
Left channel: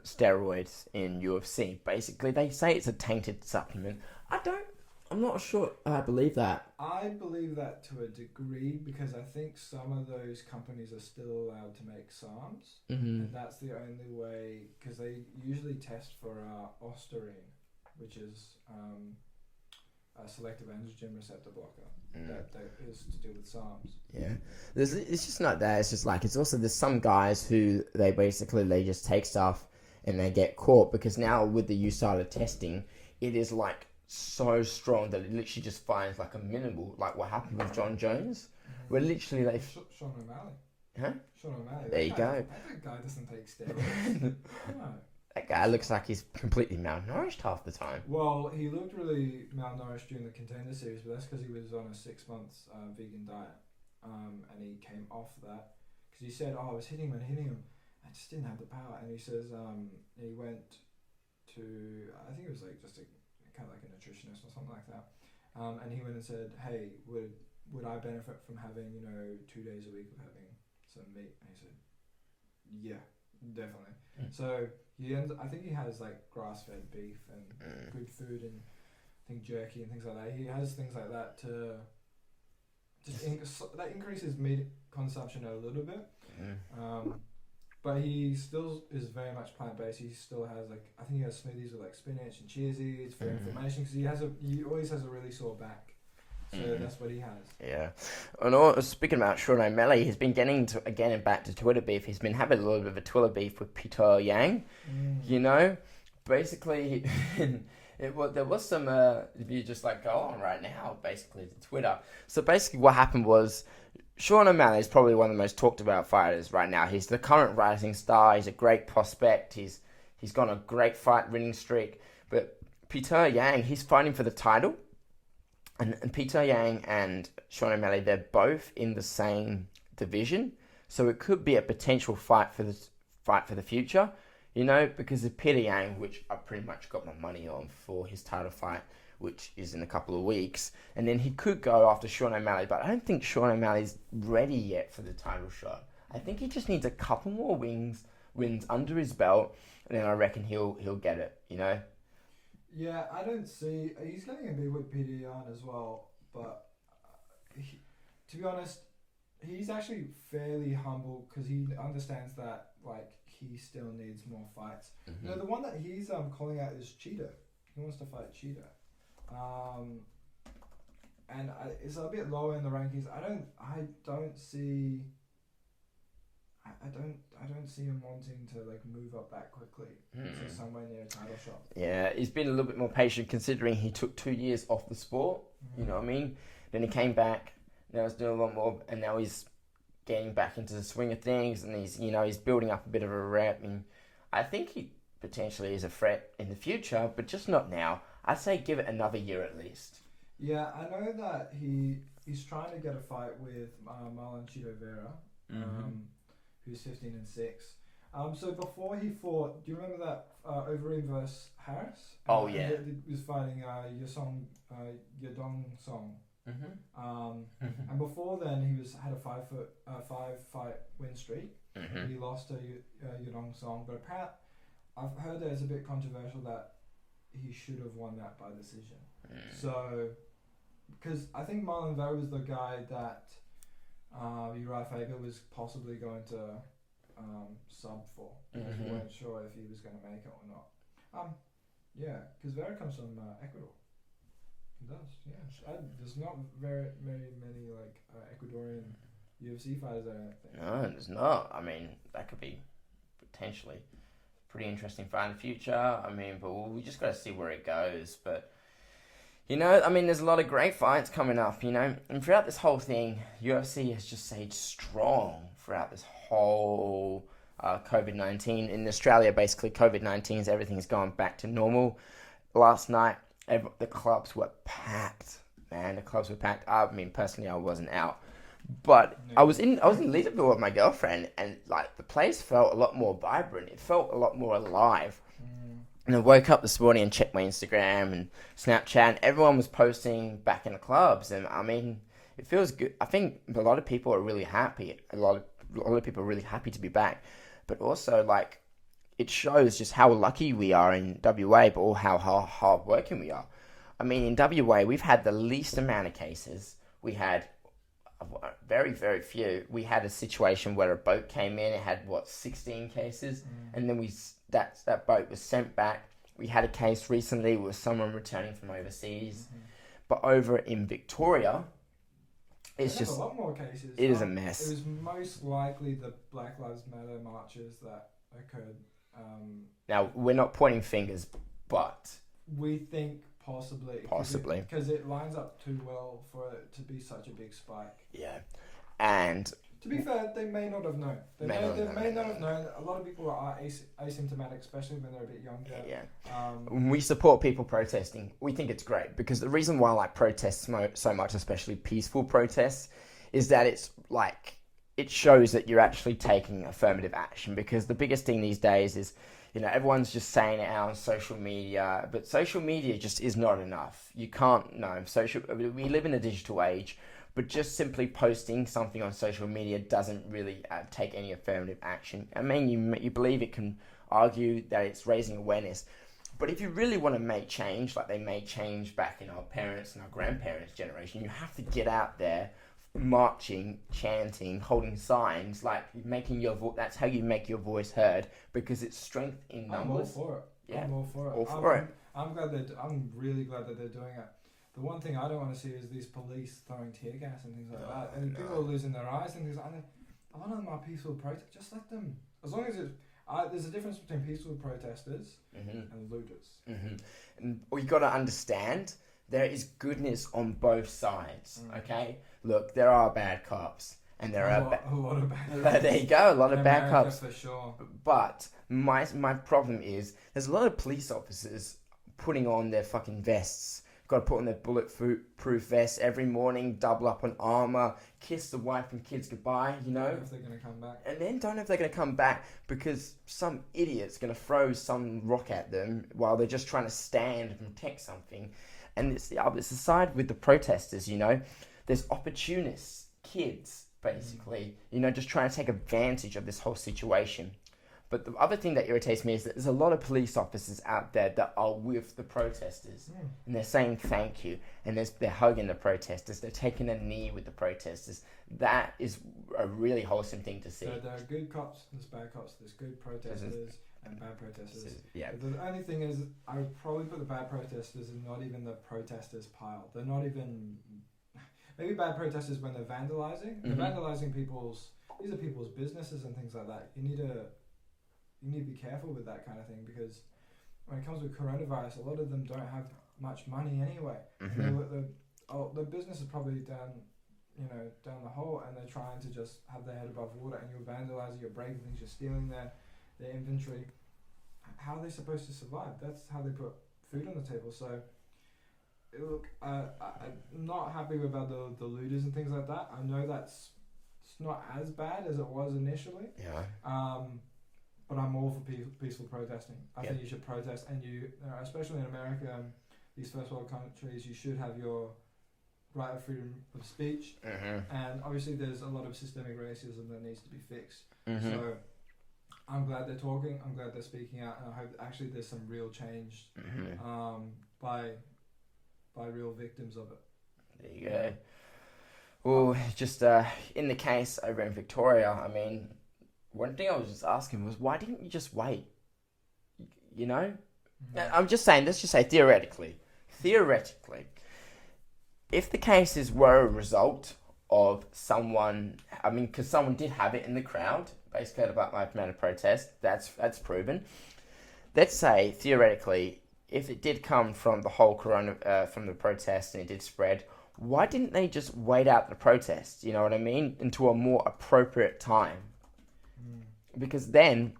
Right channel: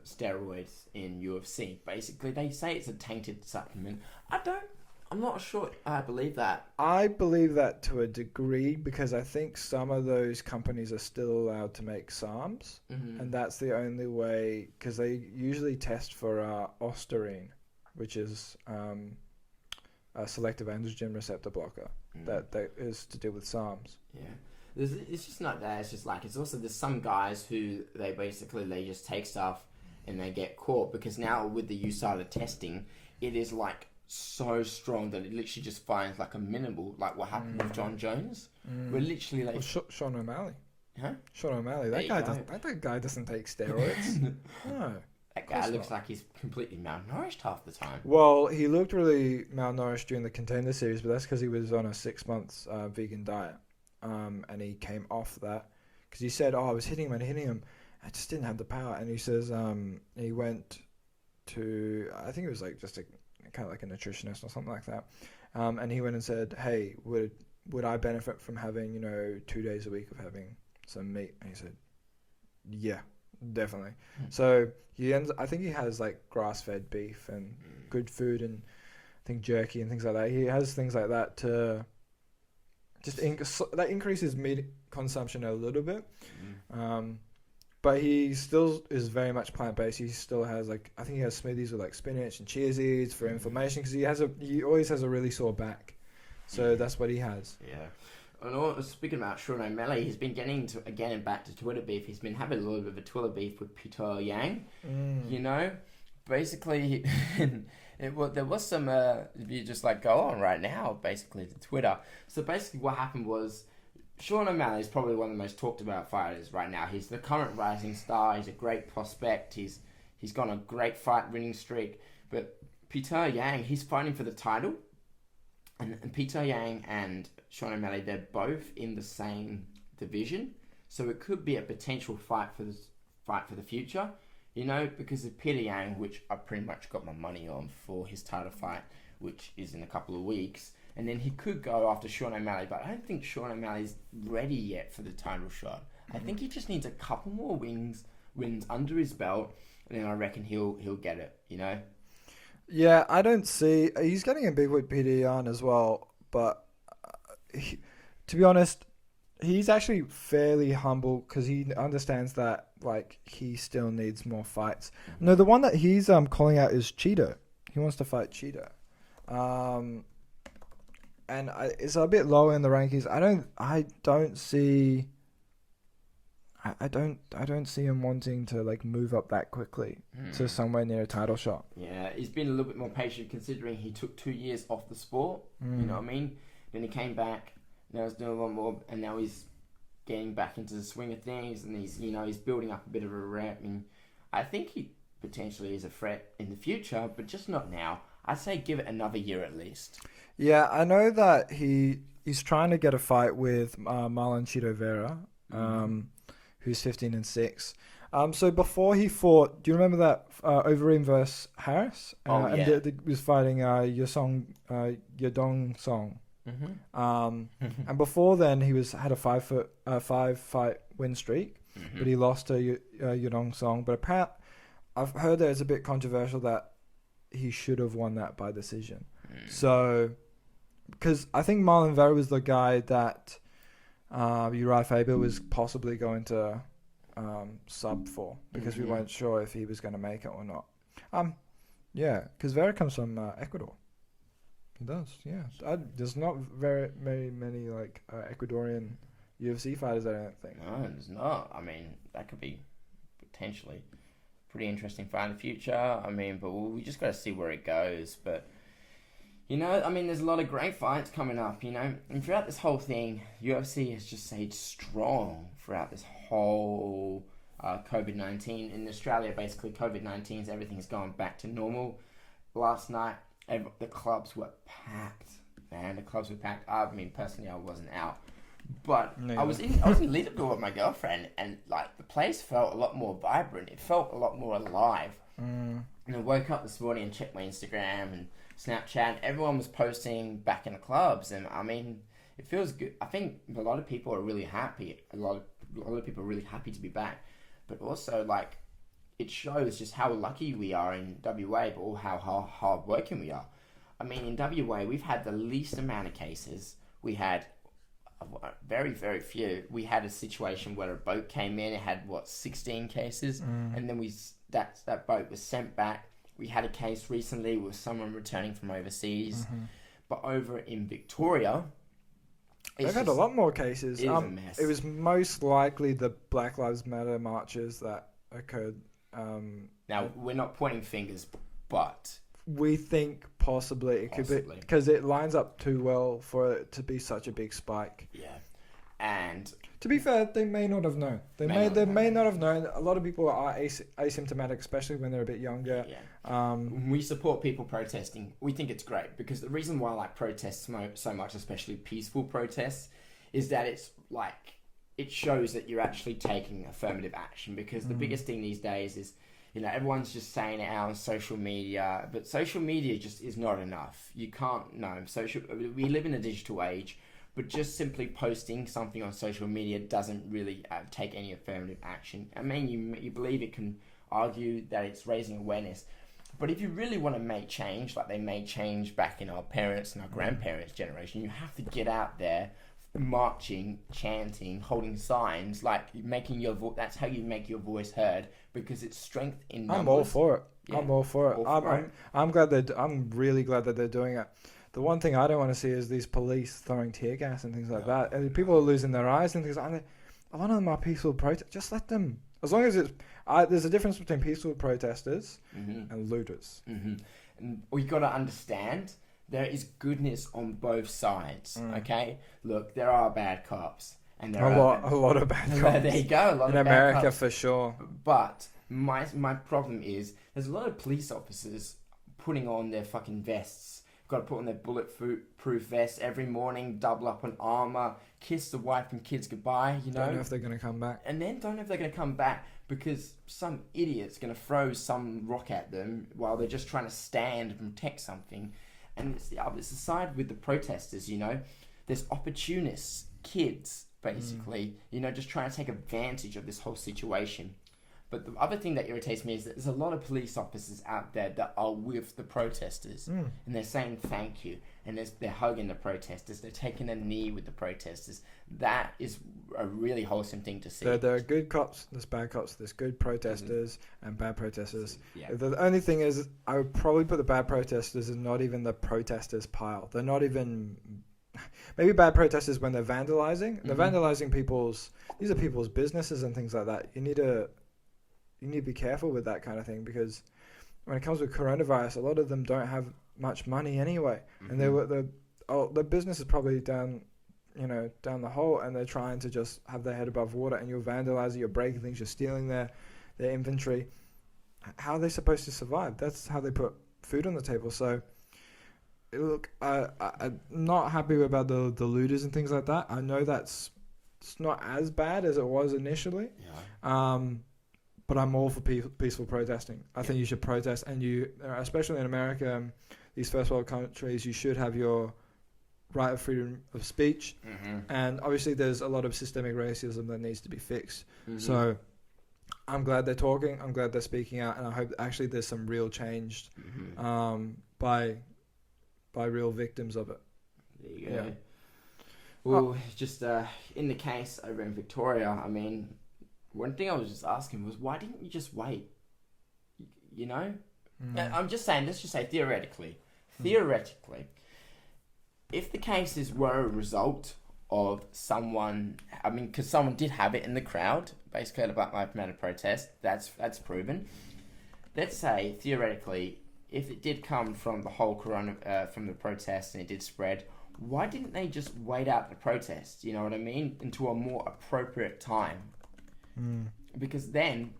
steroids in UFC. Basically, they say it's a tainted supplement. I'm not sure I believe that. I believe that to a degree because I think some of those companies are still allowed to make SARMs, and that's the only way, because they usually test for ostarine, which is a selective androgen receptor blocker that is to do with SARMs. Yeah, it's just not that. It's just like, it's also, there's some guys who they just take stuff and they get caught because now with the USADA testing, it is like so strong that it literally just finds like a minimal, like what happened with John Jones. We're literally like Sean O'Malley. Huh? Sean O'Malley. That guy doesn't take steroids. No. That guy looks like he's completely malnourished half the time. Well, he looked really malnourished during the Contender Series, but that's because he was on a 6 months vegan diet. And he came off that because he said, I was hitting him. I just didn't have the power. And he says he went to, I think it was like just kind of like a nutritionist or something like that. And he went and said, hey, would I benefit from having, 2 days a week of having some meat? And he said, yeah, definitely. So I think he has like grass-fed beef and good food, and I think jerky and things like that. He has things like that to just that increases meat consumption a little bit. But he still is very much plant-based. He still has I think he has smoothies with like spinach and chia seeds for inflammation because he always has a really sore back. So that's what he has. Yeah. And speaking about Sean O'Malley, he's been getting back to Twitter beef. He's been having a little bit of a Twitter beef with Peter Yang. Basically, there was some. If you just go on right now, basically to Twitter. So basically, what happened was, Sean O'Malley is probably one of the most talked about fighters right now. He's the current rising star. He's a great prospect. He's gone a great fight winning streak. But Peter Yang, he's fighting for the title. And Peter Yang and Sean O'Malley, they're both in the same division, so it could be a potential fight for the future, because of Peter Yang, which I pretty much got my money on for his title fight, which is in a couple of weeks, and then he could go after Sean O'Malley, but I don't think Sean O'Malley's ready yet for the title shot. I think he just needs a couple more wins under his belt, and then I reckon he'll get it, Yeah, I don't see... He's getting a big with Peter Yan as well, but to be honest, he's actually fairly humble because he understands that he still needs more fights. No, the one that he's calling out is Cheetah. He wants to fight Cheetah. And it's a bit lower in the rankings. I don't see... I don't see him wanting to move up that quickly to somewhere near a title shot. Yeah, he's been a little bit more patient considering he took 2 years off the sport. You know what I mean? Then he came back. Now he's doing a lot more, and now he's getting back into the swing of things, and he's building up a bit of a rep. And I think he potentially is a threat in the future, but just not now. I'd say give it another year at least. Yeah, I know that he's trying to get a fight with Marlon Vera. Who's 15-6. So before he fought, do you remember that Overeem versus Harris? Yeah. And he was fighting Yadong Song. And before then, he had a 5 fight win streak, but he lost to Yadong Song. But apparently, I've heard that it's a bit controversial that he should have won that by decision. So, because I think Marlon Vera was the guy that Uriah Faber was possibly going to sub for because we weren't sure if he was going to make it or not. Yeah, because Vera comes from Ecuador. He does, yeah. There's not very many like Ecuadorian UFC fighters, I don't think. No, there's not. I mean, that could be potentially a pretty interesting fight in the future. I mean, but we just got to see where it goes. But, you know, I mean, there's a lot of great fights coming up, you know. And throughout this whole thing, UFC has just stayed strong throughout this whole COVID-19. In Australia, basically, COVID-19 is everything's going back to normal. Last night, the clubs were packed, man. The clubs were packed. I mean, personally, I wasn't out. But no, I was in Leaderville with my girlfriend, and like the place felt a lot more vibrant. It felt a lot more alive. And I woke up this morning and checked my Instagram and Snapchat, and everyone was posting back in the clubs. And I mean, it feels good. I think a lot of people are really happy. A lot of people are really happy to be back. But also, like, it shows just how lucky we are in WA, but all how hard working we are. I mean, in WA, we've had the least amount of cases. We had very, very few. We had a situation where a boat came in. It had 16 cases, and then that boat was sent back. We had a case recently with someone returning from overseas, but over in Victoria, they've had a lot more cases. It is a mess. It was most likely the Black Lives Matter marches that occurred. Now we're not pointing fingers, but we think possibly it could be because it lines up too well for it to be such a big spike. Yeah, and to be fair, they may not have known. They may not have known. A lot of people are asymptomatic, especially when they're a bit younger. Yeah. We support people protesting. We think it's great because the reason why I like protests so much, especially peaceful protests, is that it's like it shows that you're actually taking affirmative action. Because the biggest thing these days is, you know, everyone's just saying it out on social media, but social media just is not enough. You can't, we live in a digital age, but just simply posting something on social media doesn't really take any affirmative action. I mean, you believe it can argue that it's raising awareness, but if you really want to make change, like they made change back in our parents and our grandparents' generation, you have to get out there, marching, chanting, holding signs, like making your that's how you make your voice heard, because it's strength in numbers. I'm all for it. Yeah. I'm all for it. I'm really glad that they're doing it. The one thing I don't want to see is these police throwing tear gas and things like that. And people are losing their eyes and things like that. A lot of them are peaceful protesters. Just let them. As long as it's... there's a difference between peaceful protesters and looters. And we got to understand there is goodness on both sides, okay? Look, there are bad cops. And there are a lot of bad cops. There you go, a lot of bad cops. In America, for sure. But my problem is there's a lot of police officers putting on their fucking vests. Got to put on their bulletproof vests every morning, double up on armor, kiss the wife and kids goodbye, you know? Don't know if they're going to come back. And then don't know if they're going to come back because some idiot's going to throw some rock at them while they're just trying to stand and protect something. And it's the side with the protesters, you know? There's opportunists, kids, basically, you know, just trying to take advantage of this whole situation. But the other thing that irritates me is that there's a lot of police officers out there that are with the protesters. And they're saying thank you. And they're hugging the protesters. They're taking a knee with the protesters. That is a really wholesome thing to see. There are good cops, there's bad cops, there's good protesters and bad protesters. Yeah. The only thing is, I would probably put the bad protesters in not even the protesters pile. They're not even... Maybe bad protesters when they're vandalizing. They're vandalizing these are people's businesses and things like that. You need to be careful with that kind of thing, because when it comes with coronavirus, a lot of them don't have much money anyway, and their business is probably down the hole, and they're trying to just have their head above water, and you're vandalizing, you're breaking things, you're stealing their inventory. How are they supposed to survive? That's how they put food on the table. So look, I'm not happy about the looters and things like that. I know it's not as bad as it was initially. But I'm all for peaceful protesting. I think you should protest, and especially in America, these first world countries, you should have your right of freedom of speech. And obviously there's a lot of systemic racism that needs to be fixed. So I'm glad they're talking. I'm glad they're speaking out, and I hope actually there's some real change by real victims of it. There you go. Well, just in the case over in Victoria, I mean, one thing I was just asking was, why didn't you just wait? You know? I'm just saying, let's just say theoretically, if the cases were a result of someone, I mean, because someone did have it in the crowd, basically at a Black Lives Matter protest, that's proven. Let's say, theoretically, if it did come from the whole from the protest and it did spread, why didn't they just wait out the protest, you know what I mean, into a more appropriate time? Because then,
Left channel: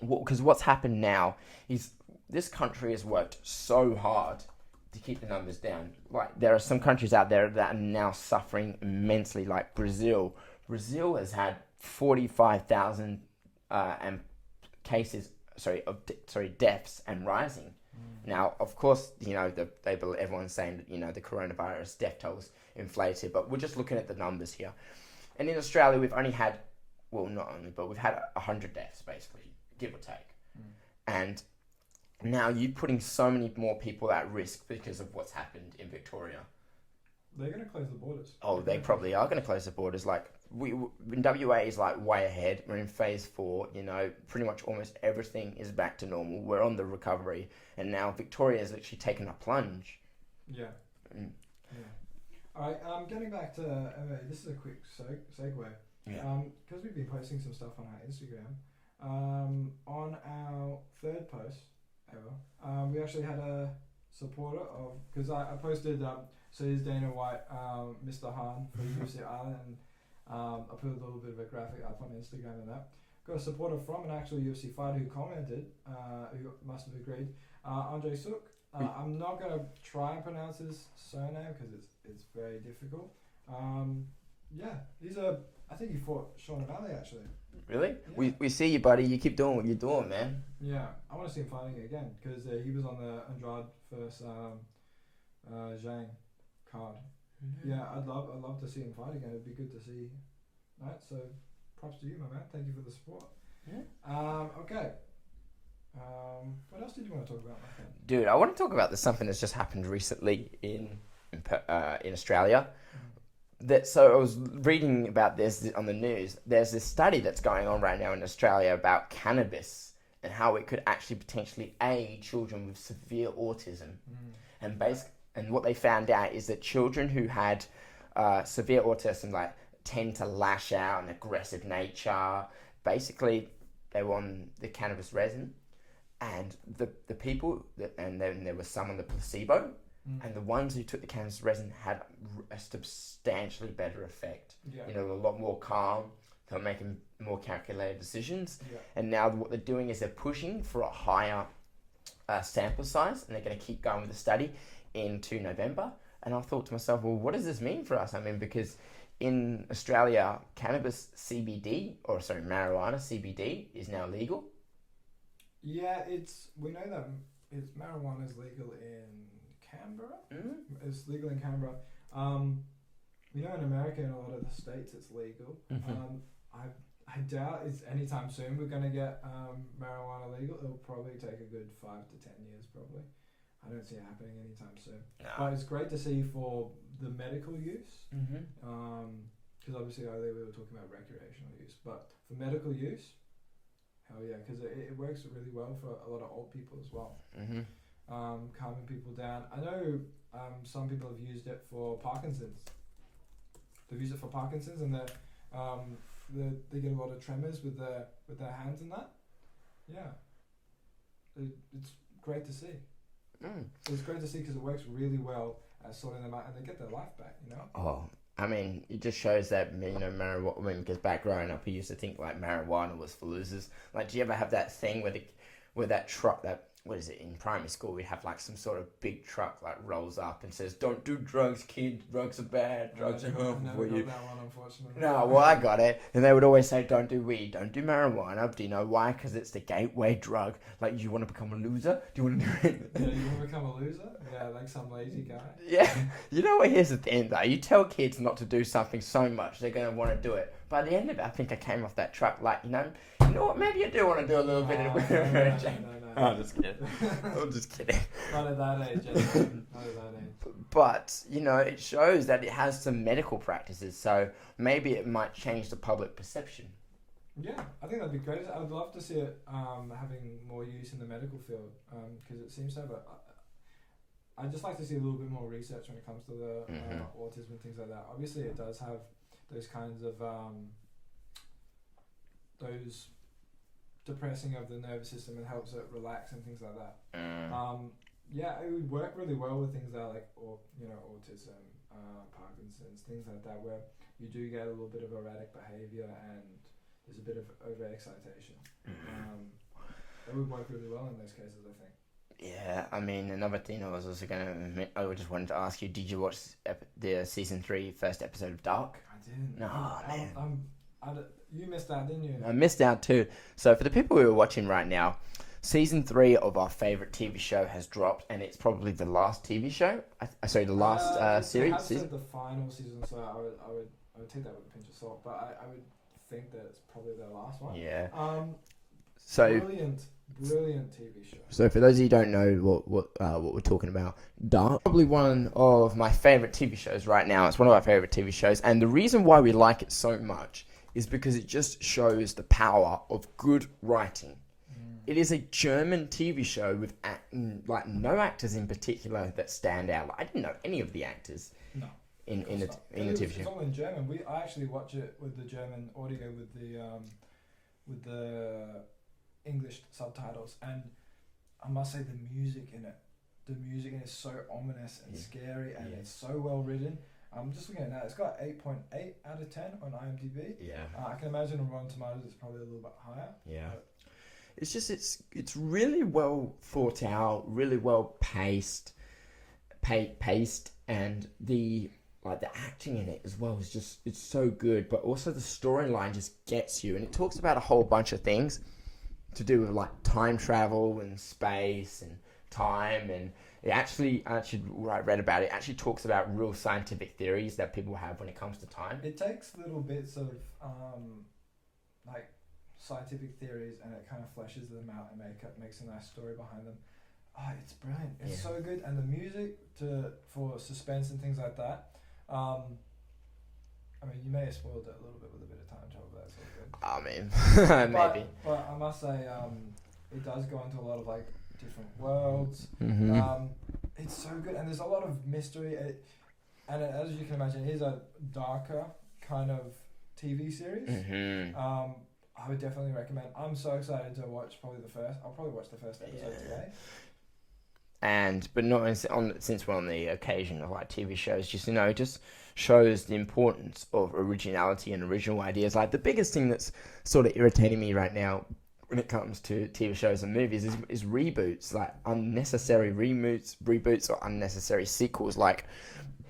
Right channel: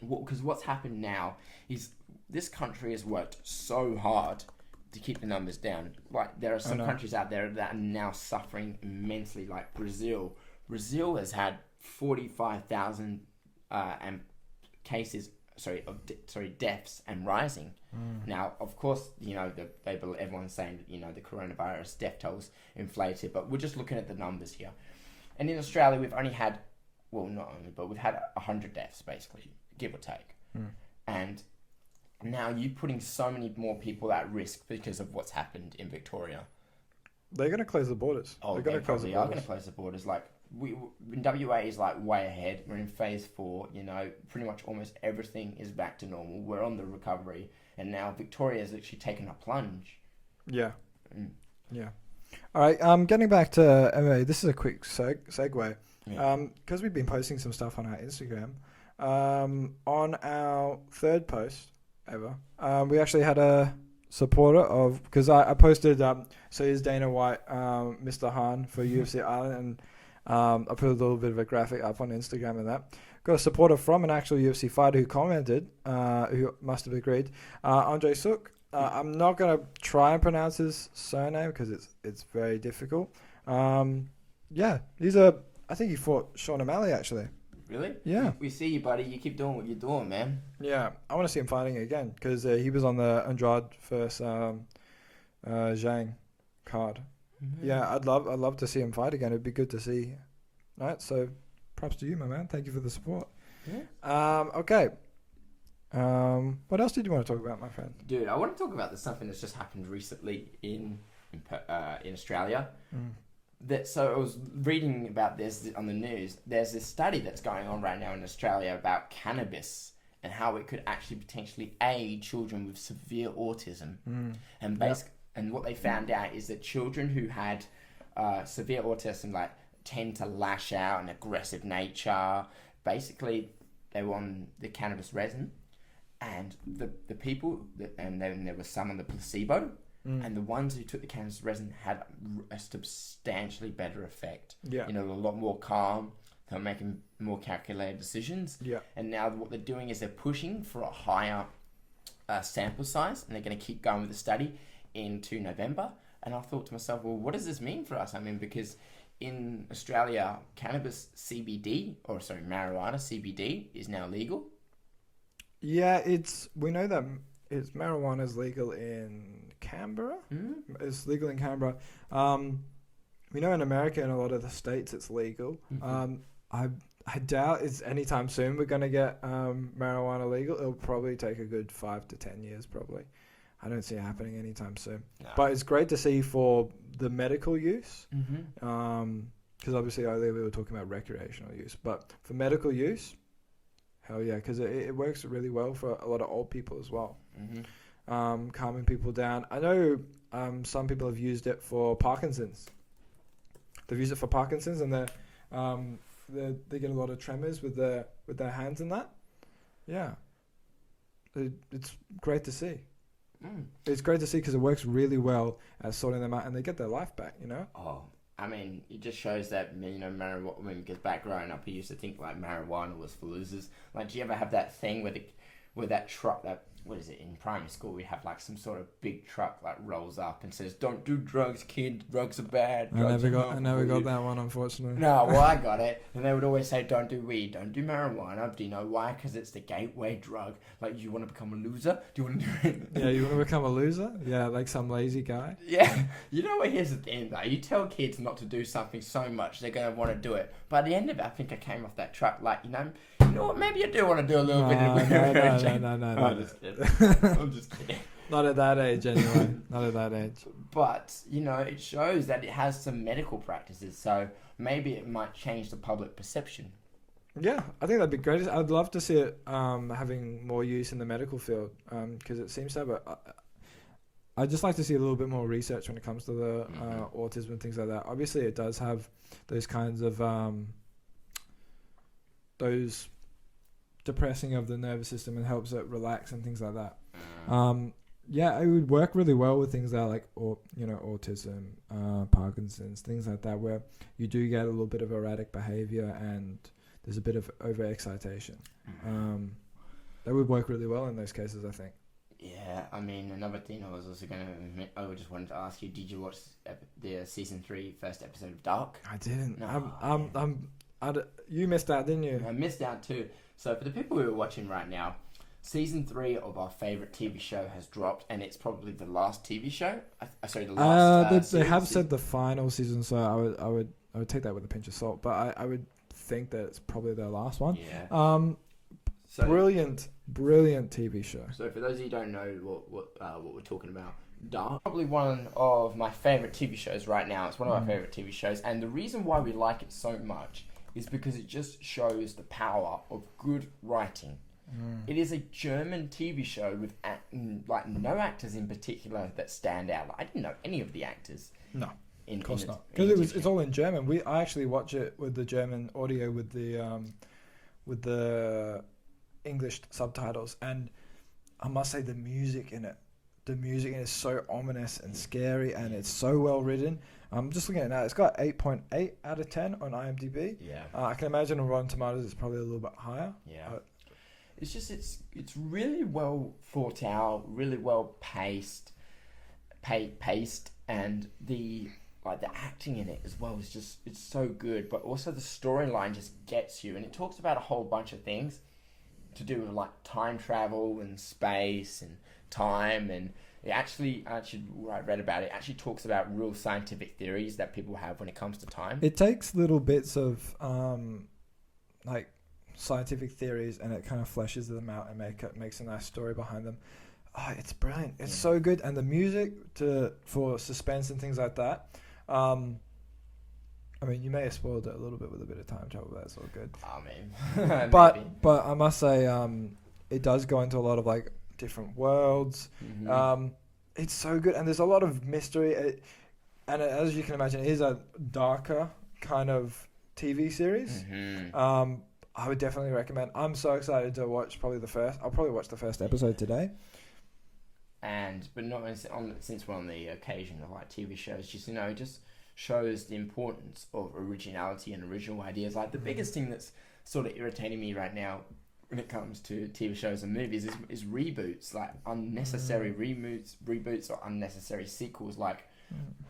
because what's happened now is this country has worked so hard to keep the numbers down. Like, there are some countries out there that are now suffering immensely, like Brazil. Brazil has had 45,000 deaths and rising. Now, of course, you know, everyone's saying that, you know, the coronavirus death tolls inflated, but we're just looking at the numbers here. And in Australia, we've only had, well, not only, but we've had 100 deaths, basically, give or take. And now you're putting so many more people at risk because of what's happened in Victoria. They're going to close the borders. Oh, they probably are going to close the borders. Like, in WA is like way ahead. We're in phase 4. You know, pretty much almost everything is back to normal. We're on the recovery, and now Victoria is actually taking a plunge. Yeah. Yeah. All right. Getting back to MMA. This is a quick segue. Yeah. Because we've been posting some stuff on our Instagram. On our third post ever, we actually had a supporter of, because I posted, so here's Dana White, Mr. Han for UFC Ireland, and I put a little bit of a graphic up on Instagram and that. Got a supporter from an actual UFC fighter who commented, who must have agreed, Andre Sook. I'm not going to try and pronounce his surname because it's very difficult. Yeah, I think he fought Sean O'Malley actually. Really? Yeah. We see you, buddy. You keep doing what you're doing, man. Yeah, I want to see him fighting again because he was on the Andrade versus Zhang card. Yeah, I'd love to see him fight again. It'd be good to see. All right, so props to you, my man. Thank you for the support. Yeah. Okay. What else did you want to talk about, my friend? Dude, I want to talk about something that's just happened recently in Australia. So I was reading about this on the news. There's this study that's going on right now in Australia about cannabis and how it could actually potentially aid children with severe autism. And what they found out is that children who had severe autism, like, tend to lash out, an aggressive nature. Basically, they were on the cannabis resin, and the people and then there was some on the placebo. And the ones who took the cannabis resin had a substantially better effect. Yeah. You know, a lot more calm. They were making more calculated decisions. Yeah. And now what they're doing is they're pushing for a higher sample size, and they're going to keep going with the study into November. And I thought to myself, well, what does this mean for us? I mean, because in Australia, marijuana CBD is now legal. Yeah, we know that marijuana is legal in Canberra. It's legal in Canberra. We know in America and a lot of the states it's legal. I doubt it's anytime soon we're going to get marijuana legal. It'll probably take a good 5 to 10 years probably. I don't see it happening anytime soon. No. But it's great to see for the medical use. Because obviously earlier we were talking about recreational use. But for medical use, hell yeah, because it works really well for a lot of old people as well. Calming people down. I know some people have used it for Parkinson's. They've used it for Parkinson's, and they get a lot of tremors with their hands and that. Yeah, it's great to see. It's great to see because it works really well at sorting them out, and they get their life back. You know. Oh, I mean, it just shows that, you know, marijuana. I mean, because back growing up, we used to think like marijuana was for losers. Like, do you ever have that thing where that truck what is it, in primary school, we'd have like some sort of big truck like rolls up and says, "Don't do drugs, kid. Drugs are bad." I never got that one, unfortunately. No, well, I got it. And they would always say, "Don't do weed, don't do marijuana." Do you know why? Because it's the gateway drug. Like, you want to become a loser? Do you want to do it? Yeah, you want to become a loser? Yeah, like some lazy guy. Yeah. You know what? Here's the thing, though. You tell kids not to do something so much, they're going to want to do it. by the end of it, I think I came off that truck like, you know what, maybe you do want to do a little bit of No. I'm just kidding. I'm just kidding. Not at that age, anyway. Not at that age. But, you know, it shows that it has some medical practices, so maybe it might change the public perception. Yeah, I think that'd be great. I'd love to see it having more use in the medical field because it seems so, but I'd just like to see a little bit more research when it comes to the autism and things like that. Obviously, it does have those kinds of those depressing of the nervous system and helps it relax and things like that. Yeah, it would work really well with things that are like, autism, Parkinson's, things like that, where you do get a little bit of erratic behavior and there's a bit of overexcitation. That would work really well in those cases, I think. Yeah, I mean, another thing I was also going to admit, I just wanted to ask you, did you watch the season 3 first episode of Dark? I didn't. No, you missed out, didn't you? I missed out too. So for the people who are watching right now, season 3 of our favourite TV show has dropped, and it's probably the last TV show. Sorry, the last they have said the final season, so I would take that with a pinch of salt, but I would think that it's probably their last one. Yeah. So brilliant TV show. So for those of you who don't know what we're talking about, Dark, probably one of my favourite TV shows right now. It's one of our favourite TV shows, and the reason why we like it so much is because it just shows the power of good writing. It is a German TV show with no actors in particular that stand out. Like, I didn't know any of the actors. No. Of course not. Because it's all in German. I actually watch it with the German audio with the English subtitles, and I must say the music in it is so ominous and scary, and it's so well written. I'm just looking at it now. It's got 8.8 out of 10 on IMDb. Yeah. I can imagine on Rotten Tomatoes it's probably a little bit higher. Yeah. It's just it's really well thought out, really well paced, and the acting in it as well is just, it's so good. But also the storyline just gets you, and it talks about a whole bunch of things to do with like time travel and space and time, and I read about it. It actually talks about real scientific theories that people have when it comes to time. It takes little bits of like scientific theories and it kind of fleshes them out and makes a nice story behind them. Oh, it's brilliant. It's so good, and the music for suspense and things like that. I mean, you may have spoiled it a little bit with a bit of time travel, but that's all good. I mean, but I must say, it does go into a lot of like different worlds. It's so good, and there's a lot of mystery. And as you can imagine, it is a darker kind of TV series. I would definitely recommend. I'm so excited to watch I'll probably watch the first episode today. But not since we're on the occasion of like TV shows, just shows the importance of originality and original ideas. Like the biggest thing that's sort of irritating me right now when it comes to TV shows and movies is reboots, like unnecessary reboots or unnecessary sequels. Like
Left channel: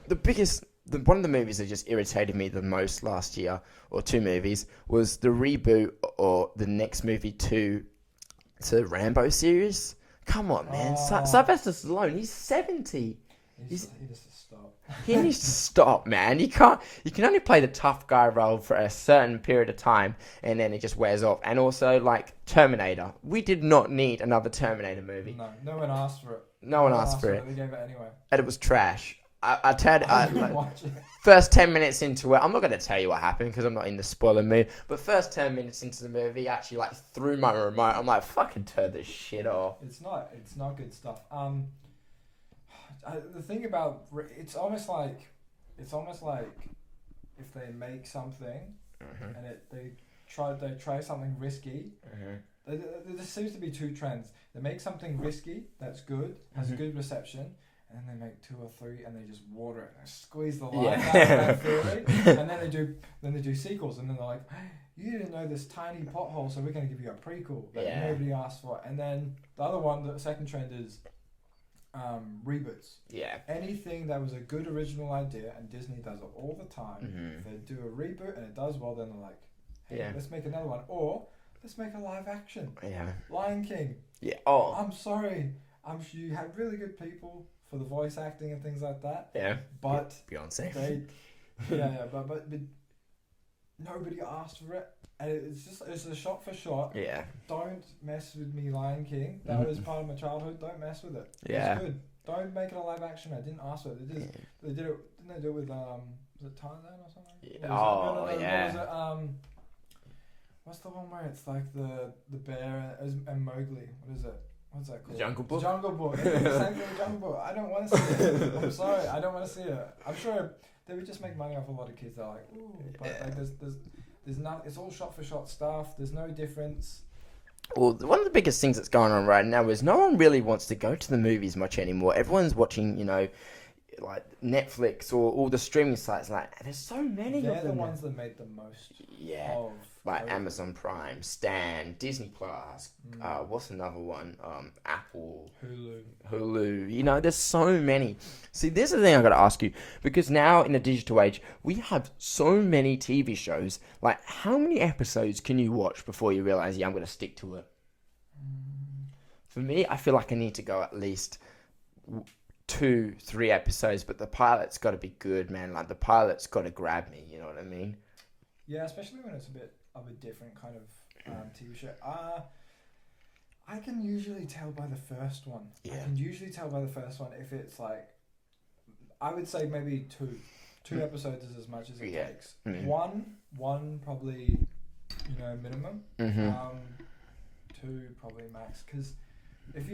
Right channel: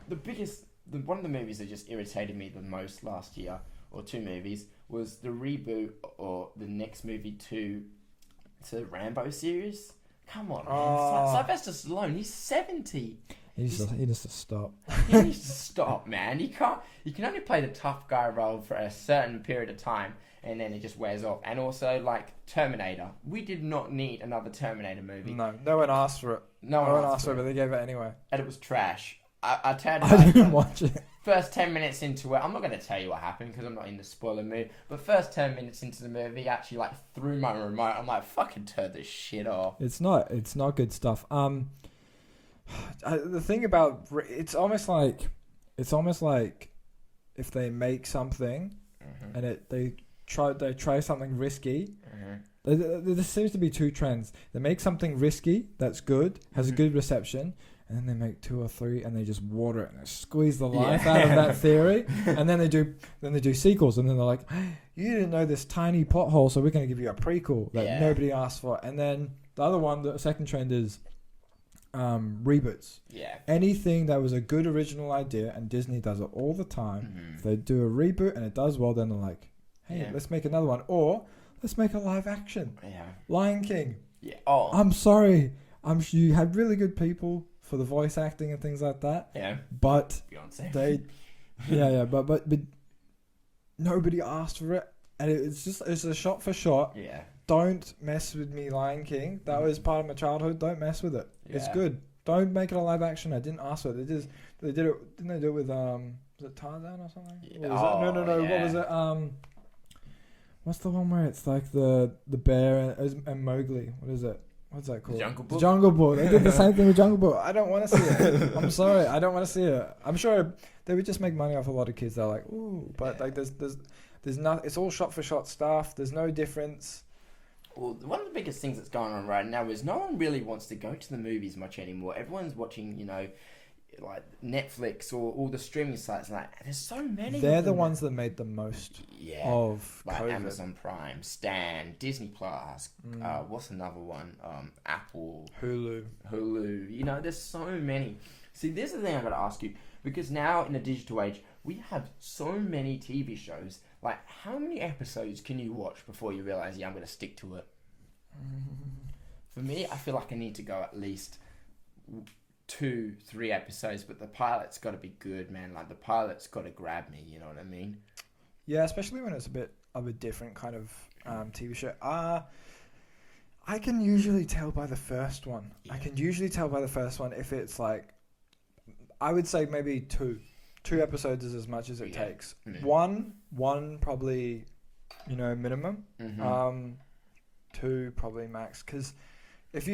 one of the movies that just irritated me the most last year, or 2 movies, was the reboot or the next movie to the Rambo series. Come on, man. Sylvester Stallone, he's 70. He needs to stop. He needs to stop, man. You can only play the tough guy role for a certain period of time, and then it just wears off. And also, like, Terminator. We did not need another Terminator movie. No one asked for it. No one asked for it. They gave it anyway. And it was trash. I didn't watch it. First 10 minutes into it, I'm not going to tell you what happened because I'm not in the spoiler mood, but first 10 minutes into the movie, actually like threw my remote. I'm like, fucking turn this shit off. It's not good stuff. The thing about it's almost like if they make something and they try something risky. There seems to be 2 trends. They make something risky that's good, has a good reception, and then they make 2 or 3 and they just water it and they squeeze the life out of that theory. And then they do sequels, and then they're like, hey, you didn't know this tiny pothole, so we're going to give you a prequel that nobody asked for. And then the second trend is reboots. Yeah. Anything that was a good original idea, and Disney does it all the time. If they do a reboot and it does well, then they're like, hey, let's make another one. Or let's make a live action. Yeah. Lion King. Yeah. Oh. I'm sorry. I'm sure you had really good people for the voice acting and things like that. Yeah. But Beyonce. But nobody asked for it. And it's a shot for shot. Yeah. Don't mess with me, Lion King. That was part of my childhood. Don't mess with it. Yeah. It's good. Don't make it a live action. I didn't ask for it. They did it. Didn't they do it with was it Tarzan or something? Yeah. Or was no. Yeah. What was it? What's the one where it's like the bear and Mowgli? What is it? What's that called? Jungle Book. Jungle Book. They did the same thing with Jungle Book. I don't want to see it. I'm sorry. I don't want to see it. I'm sure they would just make money off a lot of kids. They're like, ooh, but like there's not. It's all shot for shot stuff. There's no difference. Well, one of the biggest things that's going on right now is no one really wants to go to the movies much anymore. Everyone's watching, like Netflix or all the streaming sites. Like, there's so many. They're the ones that made the most of like COVID. Amazon Prime, Stan, Disney Plus. What's another one? Apple, Hulu. There's so many. See, this is the thing I got to ask you, because now in the digital age, we have so many TV shows. Like, how many episodes can you watch before you realize, I'm going to stick to it? For me, I feel like I need to go at least 2-3 episodes, but the pilot's got to be good, man. Like, the pilot's got to grab me, you know what I mean? Yeah, especially when it's a bit of a different kind of TV show. I can usually tell by the first one. Yeah. I can usually tell by the first one if it's like, I would say maybe two episodes is as much as it takes. Mm-hmm. One probably, minimum. Mm-hmm. 2 probably max. Because if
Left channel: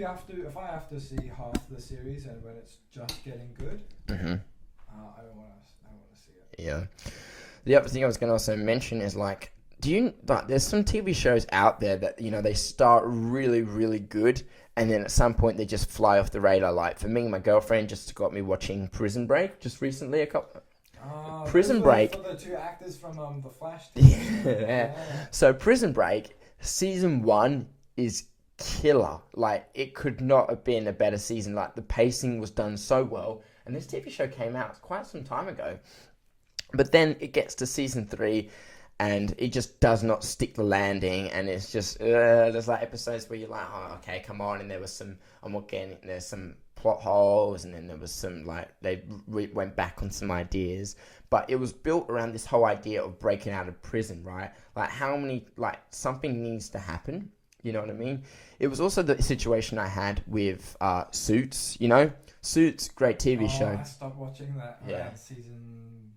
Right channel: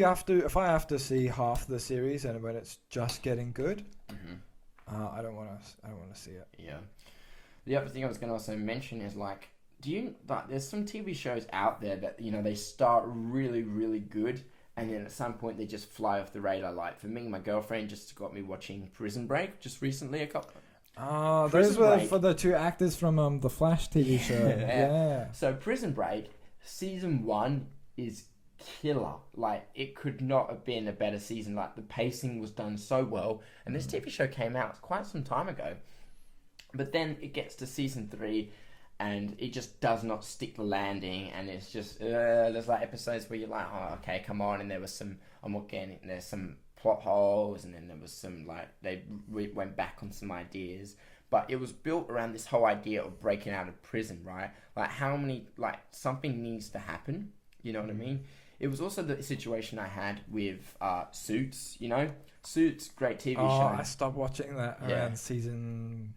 I have to see half the series and when it's just getting good, Mm-hmm. I don't want to see it. Yeah. The other thing I was going to also mention is like, there's some TV shows out there that, they start really, really good, and then at some point they just fly off the radar. Like, for me, my girlfriend just got me watching Prison Break just recently. Prison Break for the 2 actors from the Flash TV show. Yeah. So Prison Break season 1 is killer. Like, it could not have been a better season. Like, the pacing was done so well, and this TV show came out quite some time ago. But then it gets to season 3, and it just does not stick the landing, and it's just there's like episodes where you're like, oh, okay, come on, and there was some, there's some plot holes, and then there was some like they went back on some ideas, but it was built around this whole idea of breaking out of prison, right? Like, something needs to happen, you know what I mean? It was also the situation I had with Suits, Suits, great TV show. I stopped watching that around season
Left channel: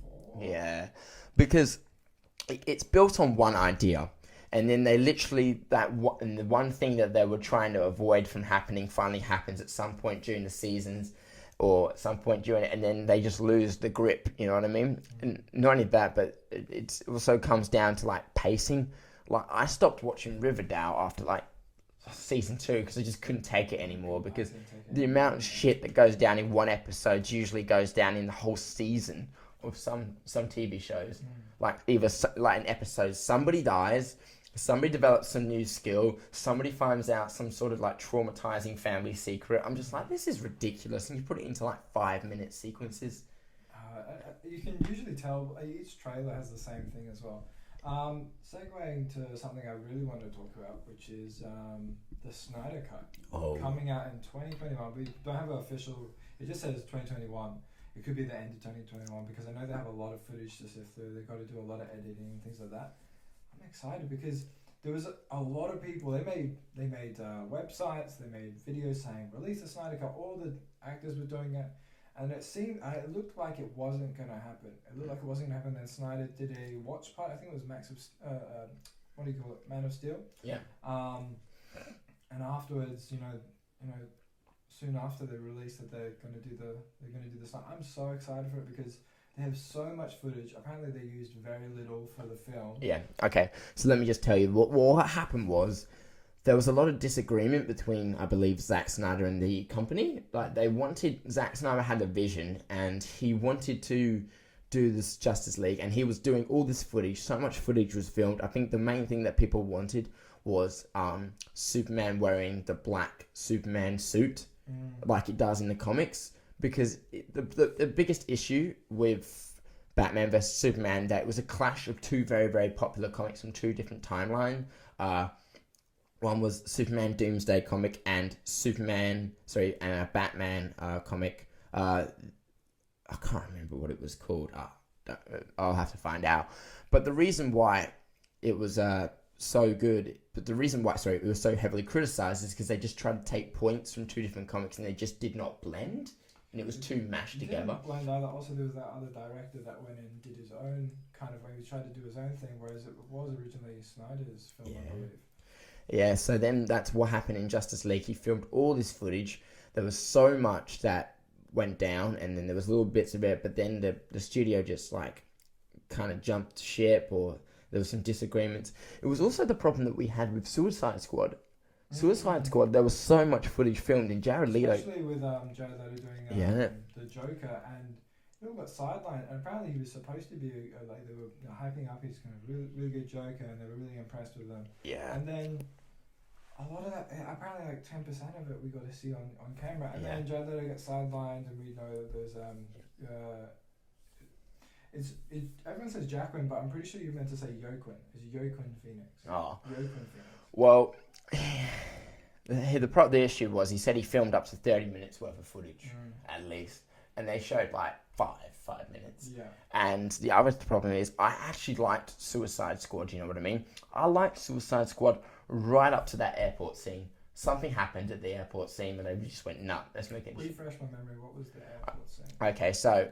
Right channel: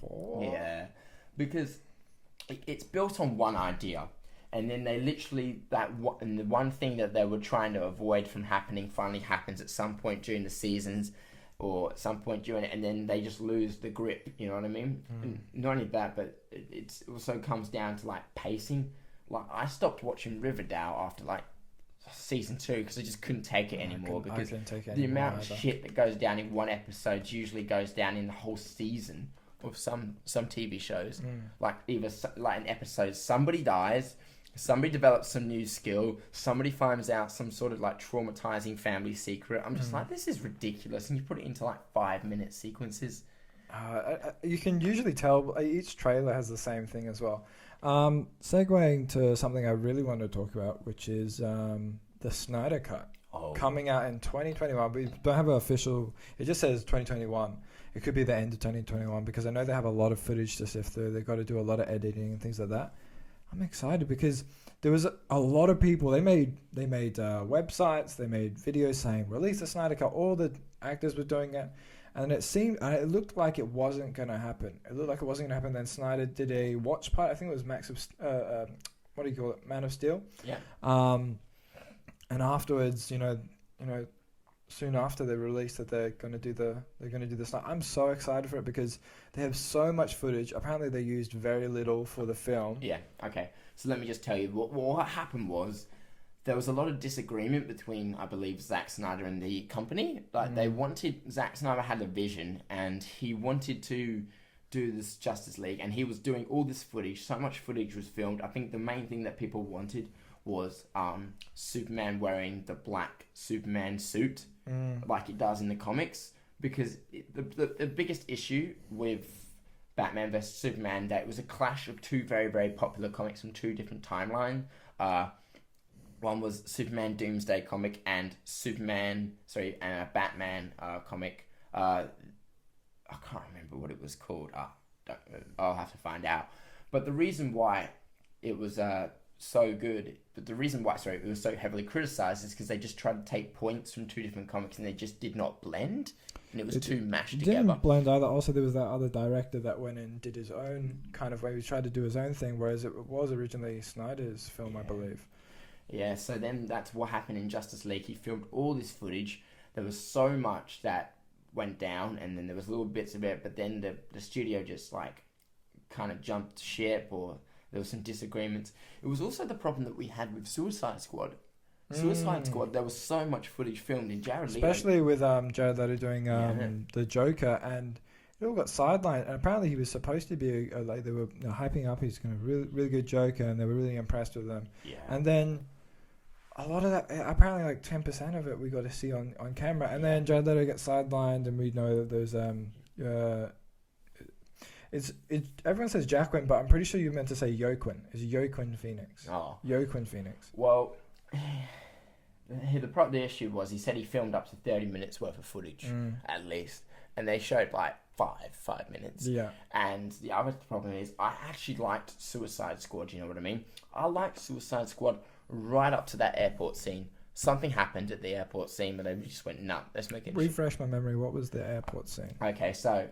4. Yeah, because it's built on one idea, and then they literally and the one thing that they were trying to avoid from happening finally happens at some point during the seasons, or at some point during it, and then they just lose the grip. You know what I mean? And not only that, but it also comes down to like pacing. Like, I stopped watching Riverdale after like season 2 because I just couldn't take it anymore, because the amount of shit that goes down in one episode usually goes down in the whole season. With some TV shows, like either like an episode, somebody dies, somebody develops some new skill, somebody finds out some sort of like traumatizing family secret. I'm just like, this is ridiculous, and you put it into like 5-minute sequences. You can usually tell. Each trailer has the same thing as well. Segueing to something I really want to talk about, which is the Snyder Cut coming out in 2021. We don't have an official. It just says 2021. It could be the end of 2021 because I know they have a lot of footage to sift through. They've got to do a lot of editing and things like that. I'm excited because there was a lot of people. They made websites. They made videos saying release the Snyder Cut. All the actors were doing it, and it looked like it wasn't going to happen. It looked like it wasn't going to happen. Then Snyder did a watch party. I think it was what do you call it? Man of Steel. Yeah. And afterwards, soon after they released that they're going to do the stuff. I'm so excited for it because they have so much footage. Apparently they used very little for the film. Yeah. Okay. So let me just tell you what happened was there was a lot of disagreement between, I believe, Zack Snyder and the company. Like, Zack Snyder had a vision and he wanted to do this Justice League, and he was doing all this footage. So much footage was filmed. I think the main thing that people wanted was Superman wearing the black Superman suit. Like it does in the comics, because the biggest issue with Batman vs Superman, that it was a clash of 2 very, very popular comics from 2 different timelines. One was Superman Doomsday comic and a Batman comic. I can't remember what it was called. I'll have to find out. But the reason why it was so good, but the reason why, it was so heavily criticized is because they just tried to take points from two different comics and they just did not blend. And it was too mashed together. Didn't blend either. Also, there was that other director that went and did his own kind of way. He tried to do his own thing, whereas it was originally Snyder's film, I believe. Yeah, so then that's what happened in Justice League. He filmed all this footage. There was so much that went down, and then there was little bits of it, but then the studio just, like, kind of jumped ship, or there was some disagreements. It was also the problem that we had with Suicide Squad. Suicide Squad, there was so much footage filmed in Jared Leto. Especially with Jared Leto doing the Joker, and it all got sidelined. And apparently he was supposed to be, like, they were hyping up he's going to really, really good Joker, and they were really impressed with him. Yeah. And then a lot of that, apparently like 10% of it we got to see on camera. And then Jared Leto gets sidelined, and we know that there's everyone says Jacqueline, but I'm pretty sure you meant to say Joaquin. It's Joaquin Phoenix. Oh. Joaquin Phoenix. Well, the issue was he said he filmed up to 30 minutes worth of footage, at least. And they showed like 5 minutes. Yeah. And the other problem is I actually liked Suicide Squad, you know what I mean? I liked Suicide Squad right up to that airport scene. Something happened at the airport scene, but then we just went, nah, let's make it... Refresh my memory, what was the airport scene? Okay, so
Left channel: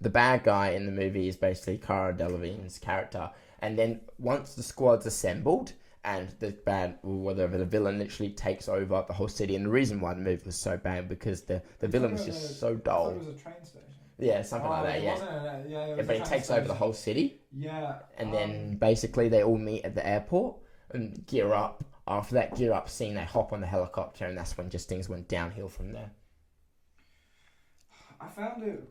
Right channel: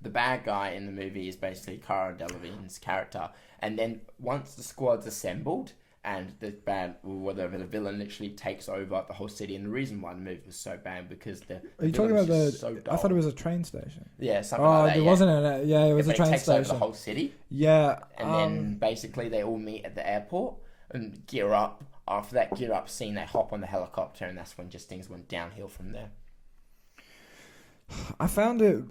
the bad guy in the movie is basically Cara Delevingne's character. And then once the squad's assembled and the the villain literally takes over the whole city. And the reason why the movie was so bad because the villain was just so dull. I thought it was a train station. Yeah, something like that. It wasn't it was a train takes station. Over the whole city. Yeah. And then basically they all meet at the airport and gear up. After that gear up scene, they hop on the helicopter, and that's when just things went downhill from there. I found it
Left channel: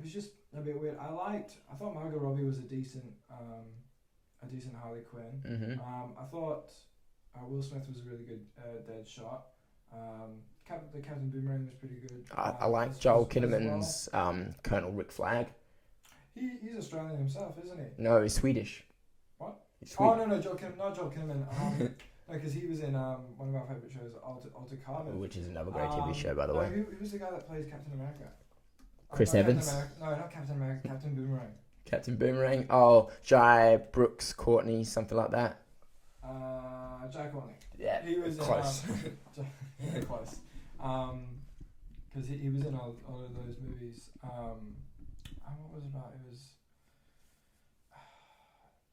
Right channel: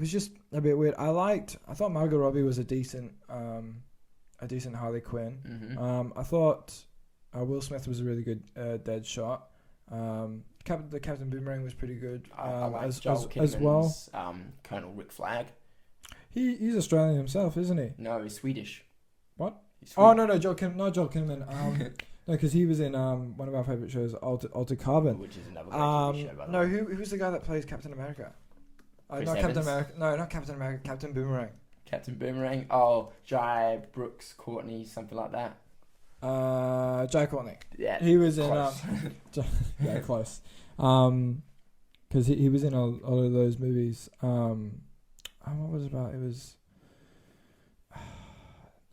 was just a bit weird. I thought Margot Robbie was a decent Harley Quinn. Mm-hmm. I thought Will Smith was a really good Deadshot. The Captain Boomerang was pretty good. I like Joel Kinnaman's Colonel Rick Flag. He's Australian himself, isn't he? No, he's Swedish. What? Oh no, not Joel Kinnaman. No, because he was in one of our favourite shows, Altered Carbon. Which is another great TV show, by the way. No, who's the guy that plays Captain America? Chris not Evans? Captain America. No, not Captain America. Captain Boomerang. Captain Boomerang? Oh, Jai Brooks Courtney, something like that. Jai Courtney. Yeah. He was in... close. Yeah, close. Because he was in a lot of those movies. What was it about? It was...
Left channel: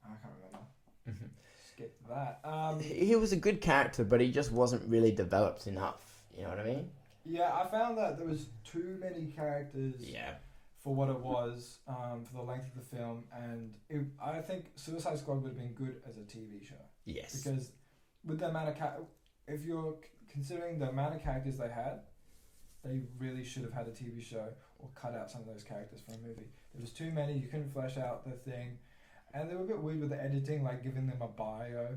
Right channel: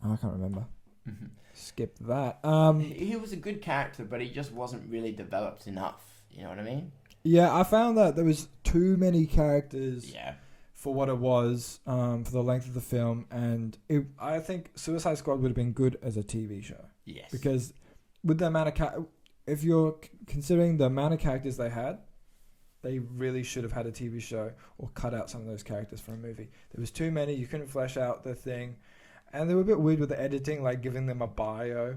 I can't remember. Mm-hmm. Skip that. He was a good character, but he just wasn't really developed enough. You know what I mean? Yeah, I found that there was too many characters Yeah. for what it was, for the length of the film, and I think Suicide Squad would have been good as a TV show. Yes. Because with the amount of if you're considering the amount of characters they had, they really should have had a TV show or cut out some of those characters for a movie. There was too many. You couldn't flesh out the thing. And they were a bit weird with the editing, like giving them a bio.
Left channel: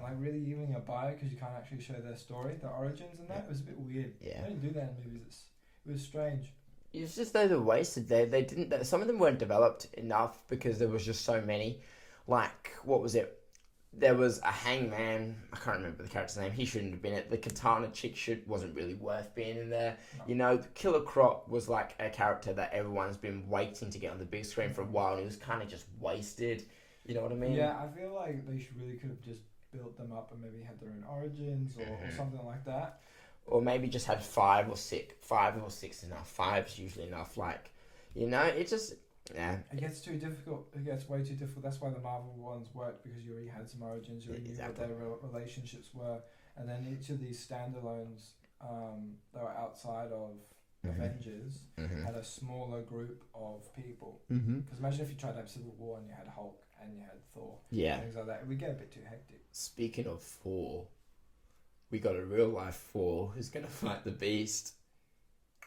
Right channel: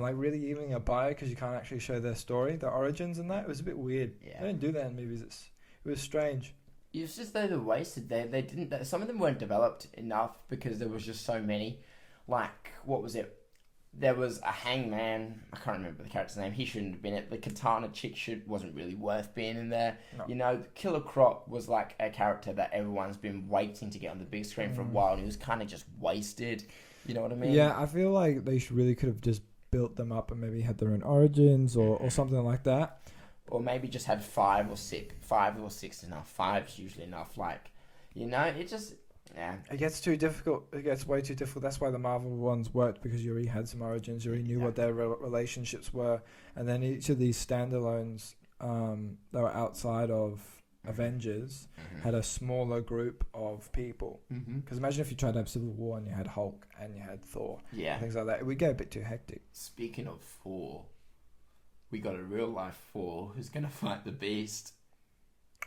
Like really giving a bio because you can't actually show their story, their origins and that. It was a bit weird. Yeah. They didn't do that in movies. It was strange. It was just they were wasted. They didn't. Some of them weren't developed enough because there was just so many. Like, what was it? There was a hangman. I can't remember the character's name. He shouldn't have been it. The katana chick wasn't really worth being in there. No. You know, the Killer Croc was like a character that everyone's been waiting to get on the big screen for a while, and he was kind of just wasted. You know what I mean? Yeah, I feel like they really could have just built them up and maybe had their own origins or something like that. Or maybe just had 5 or 6. 5 or 6 is enough. 5's usually enough. Like, you know, it just... Yeah. It gets too difficult. It gets way too difficult. That's why the Marvel ones worked, because you already had some origins. You already knew what their relationships were. And then each of these standalones that were outside of Avengers had a smaller group of people. Because imagine if you tried to have Civil War and you had Hulk and you had Thor. Yeah. Things like that. It would get a bit too hectic. Speaking of Thor, we got a real life Thor who's going to fight the Beast.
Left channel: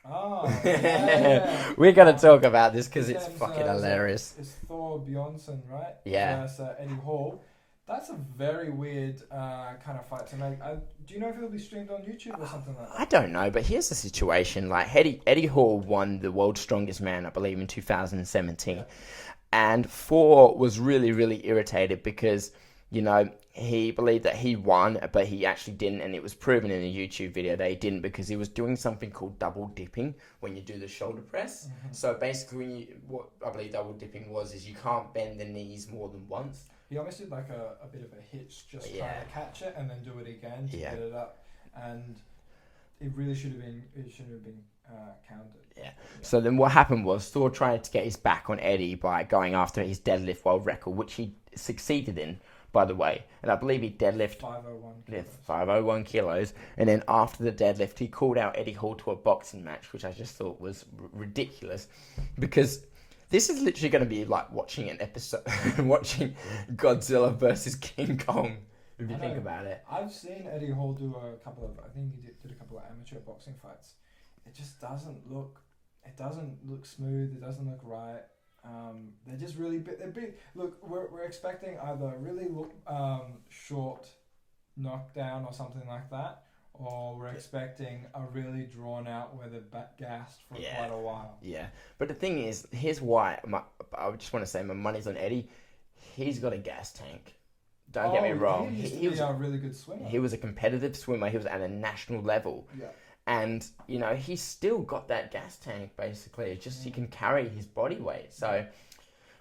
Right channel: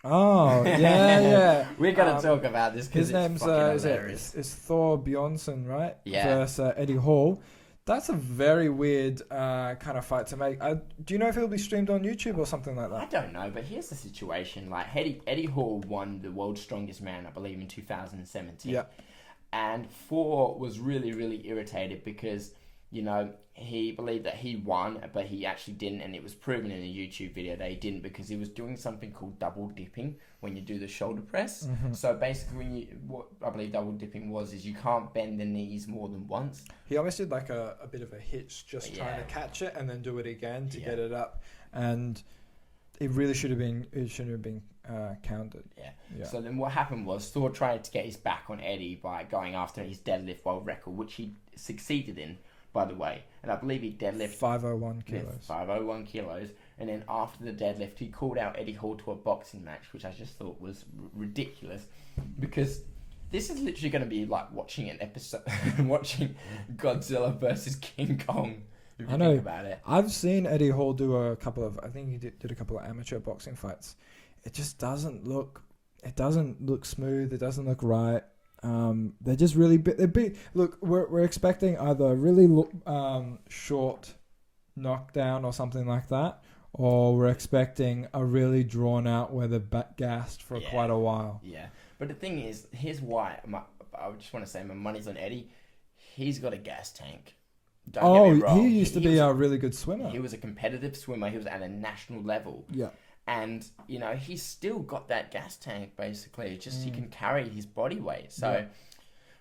Oh, yeah. We're going to talk about this because it's name's, fucking hilarious. It's Thor Bjornsson, right? Yeah. Versus Eddie Hall. That's a very weird kind of fight to make. Do you know if it'll be streamed on YouTube or something like that? I don't know, but here's the situation. Like, Eddie Hall won the World's Strongest Man, I believe, in 2017. Yeah. And Thor was really, really irritated because you know, he believed that he won, but he actually didn't, and it was proven in a YouTube video that he didn't because he was doing something called double dipping when you do the shoulder press. So basically, what I believe double dipping is you can't bend the knees more than once. He almost did like a bit of a hitch, just trying to catch it and then do it again to get it up, and it really should have been. It shouldn't have been counted. Yeah. So then what happened was Thor tried to get his back on Eddie by going after his deadlift world record, which he succeeded in, by the way. And I believe he deadlifted 501 kilos. 501 kilos. And then after the deadlift, he called out Eddie Hall to a boxing match, which I just thought was ridiculous. Because this is literally going to be like watching an episode, watching Godzilla versus King Kong. If you think about it. I've seen Eddie Hall do a couple of, I think he did a couple of amateur boxing fights. It just doesn't look smooth. It doesn't look right. They're just really big. Look, we're expecting either a really short knockdown or something like that, or we're expecting a really drawn out where they're gassed for quite a while. Yeah, but the thing is, here's why. I just want to say my money's on Eddie. He's got a gas tank. Don't get me wrong. He used to be a really good swimmer. He was a competitive swimmer. He was at a national level. Yeah. And, you know, he's still got that gas tank, basically. It's just he can carry his body weight. So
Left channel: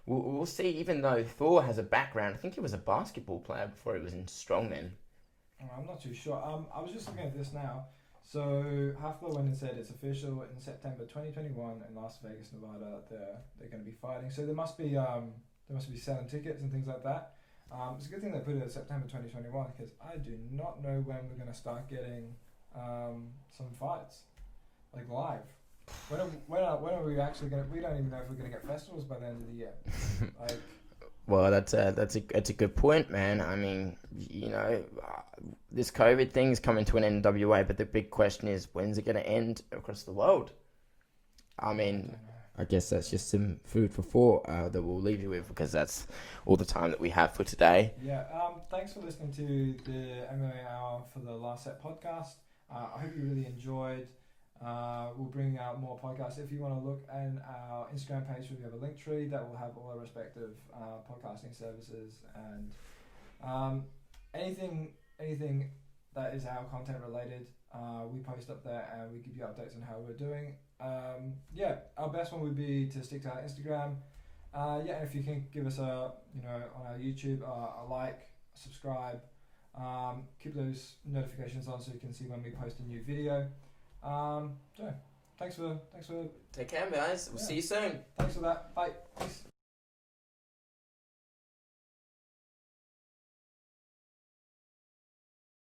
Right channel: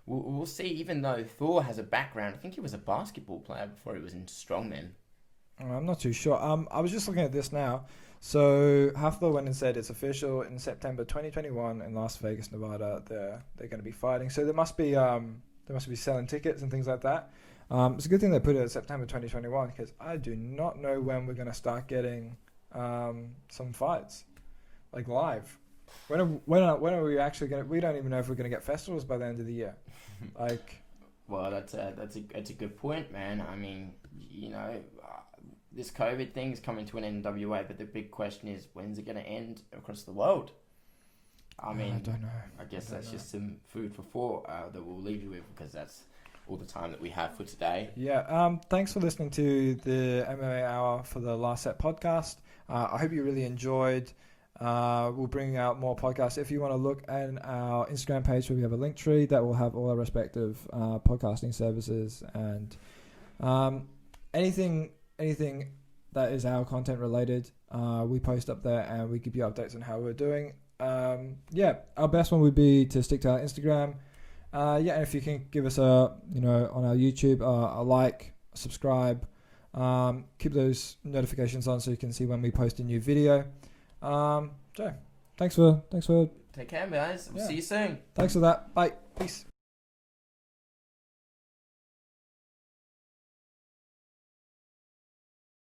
we'll see, even though Thor has a background. I think he was a basketball player before he was in strongman. I'm not too sure. I was just looking at this now. So Thor went and said it's official in September 2021 in Las Vegas, Nevada. They're going to be fighting. So they must be selling tickets and things like that. It's a good thing they put it at September 2021 because I do not know when we're going to start getting some fights, like live. When are we actually going to... We don't even know if we're going to get festivals by the end of the year. Well, that's a good point, man. I mean, you know, this COVID thing is coming to an end in WA, but the big question is, when's it going to end across the world? I mean, I don't know. I guess that's just some food for thought that we'll leave you with because that's all the time that we have for today. Yeah. Thanks for listening to the MMA Hour for the Last Set podcast. I hope you really enjoyed. We'll bring out more podcasts. If you want to look at our Instagram page, where we have a link tree that will have all our respective podcasting services and anything that is our content related, we post up there and we give you updates on how we're doing. Our best one would be to stick to our Instagram. And if you can give us on our YouTube, a like, subscribe, keep those notifications on so you can see when we post a new video. So thanks for take care, guys. We'll see you soon. Thanks for that. Bye. Peace.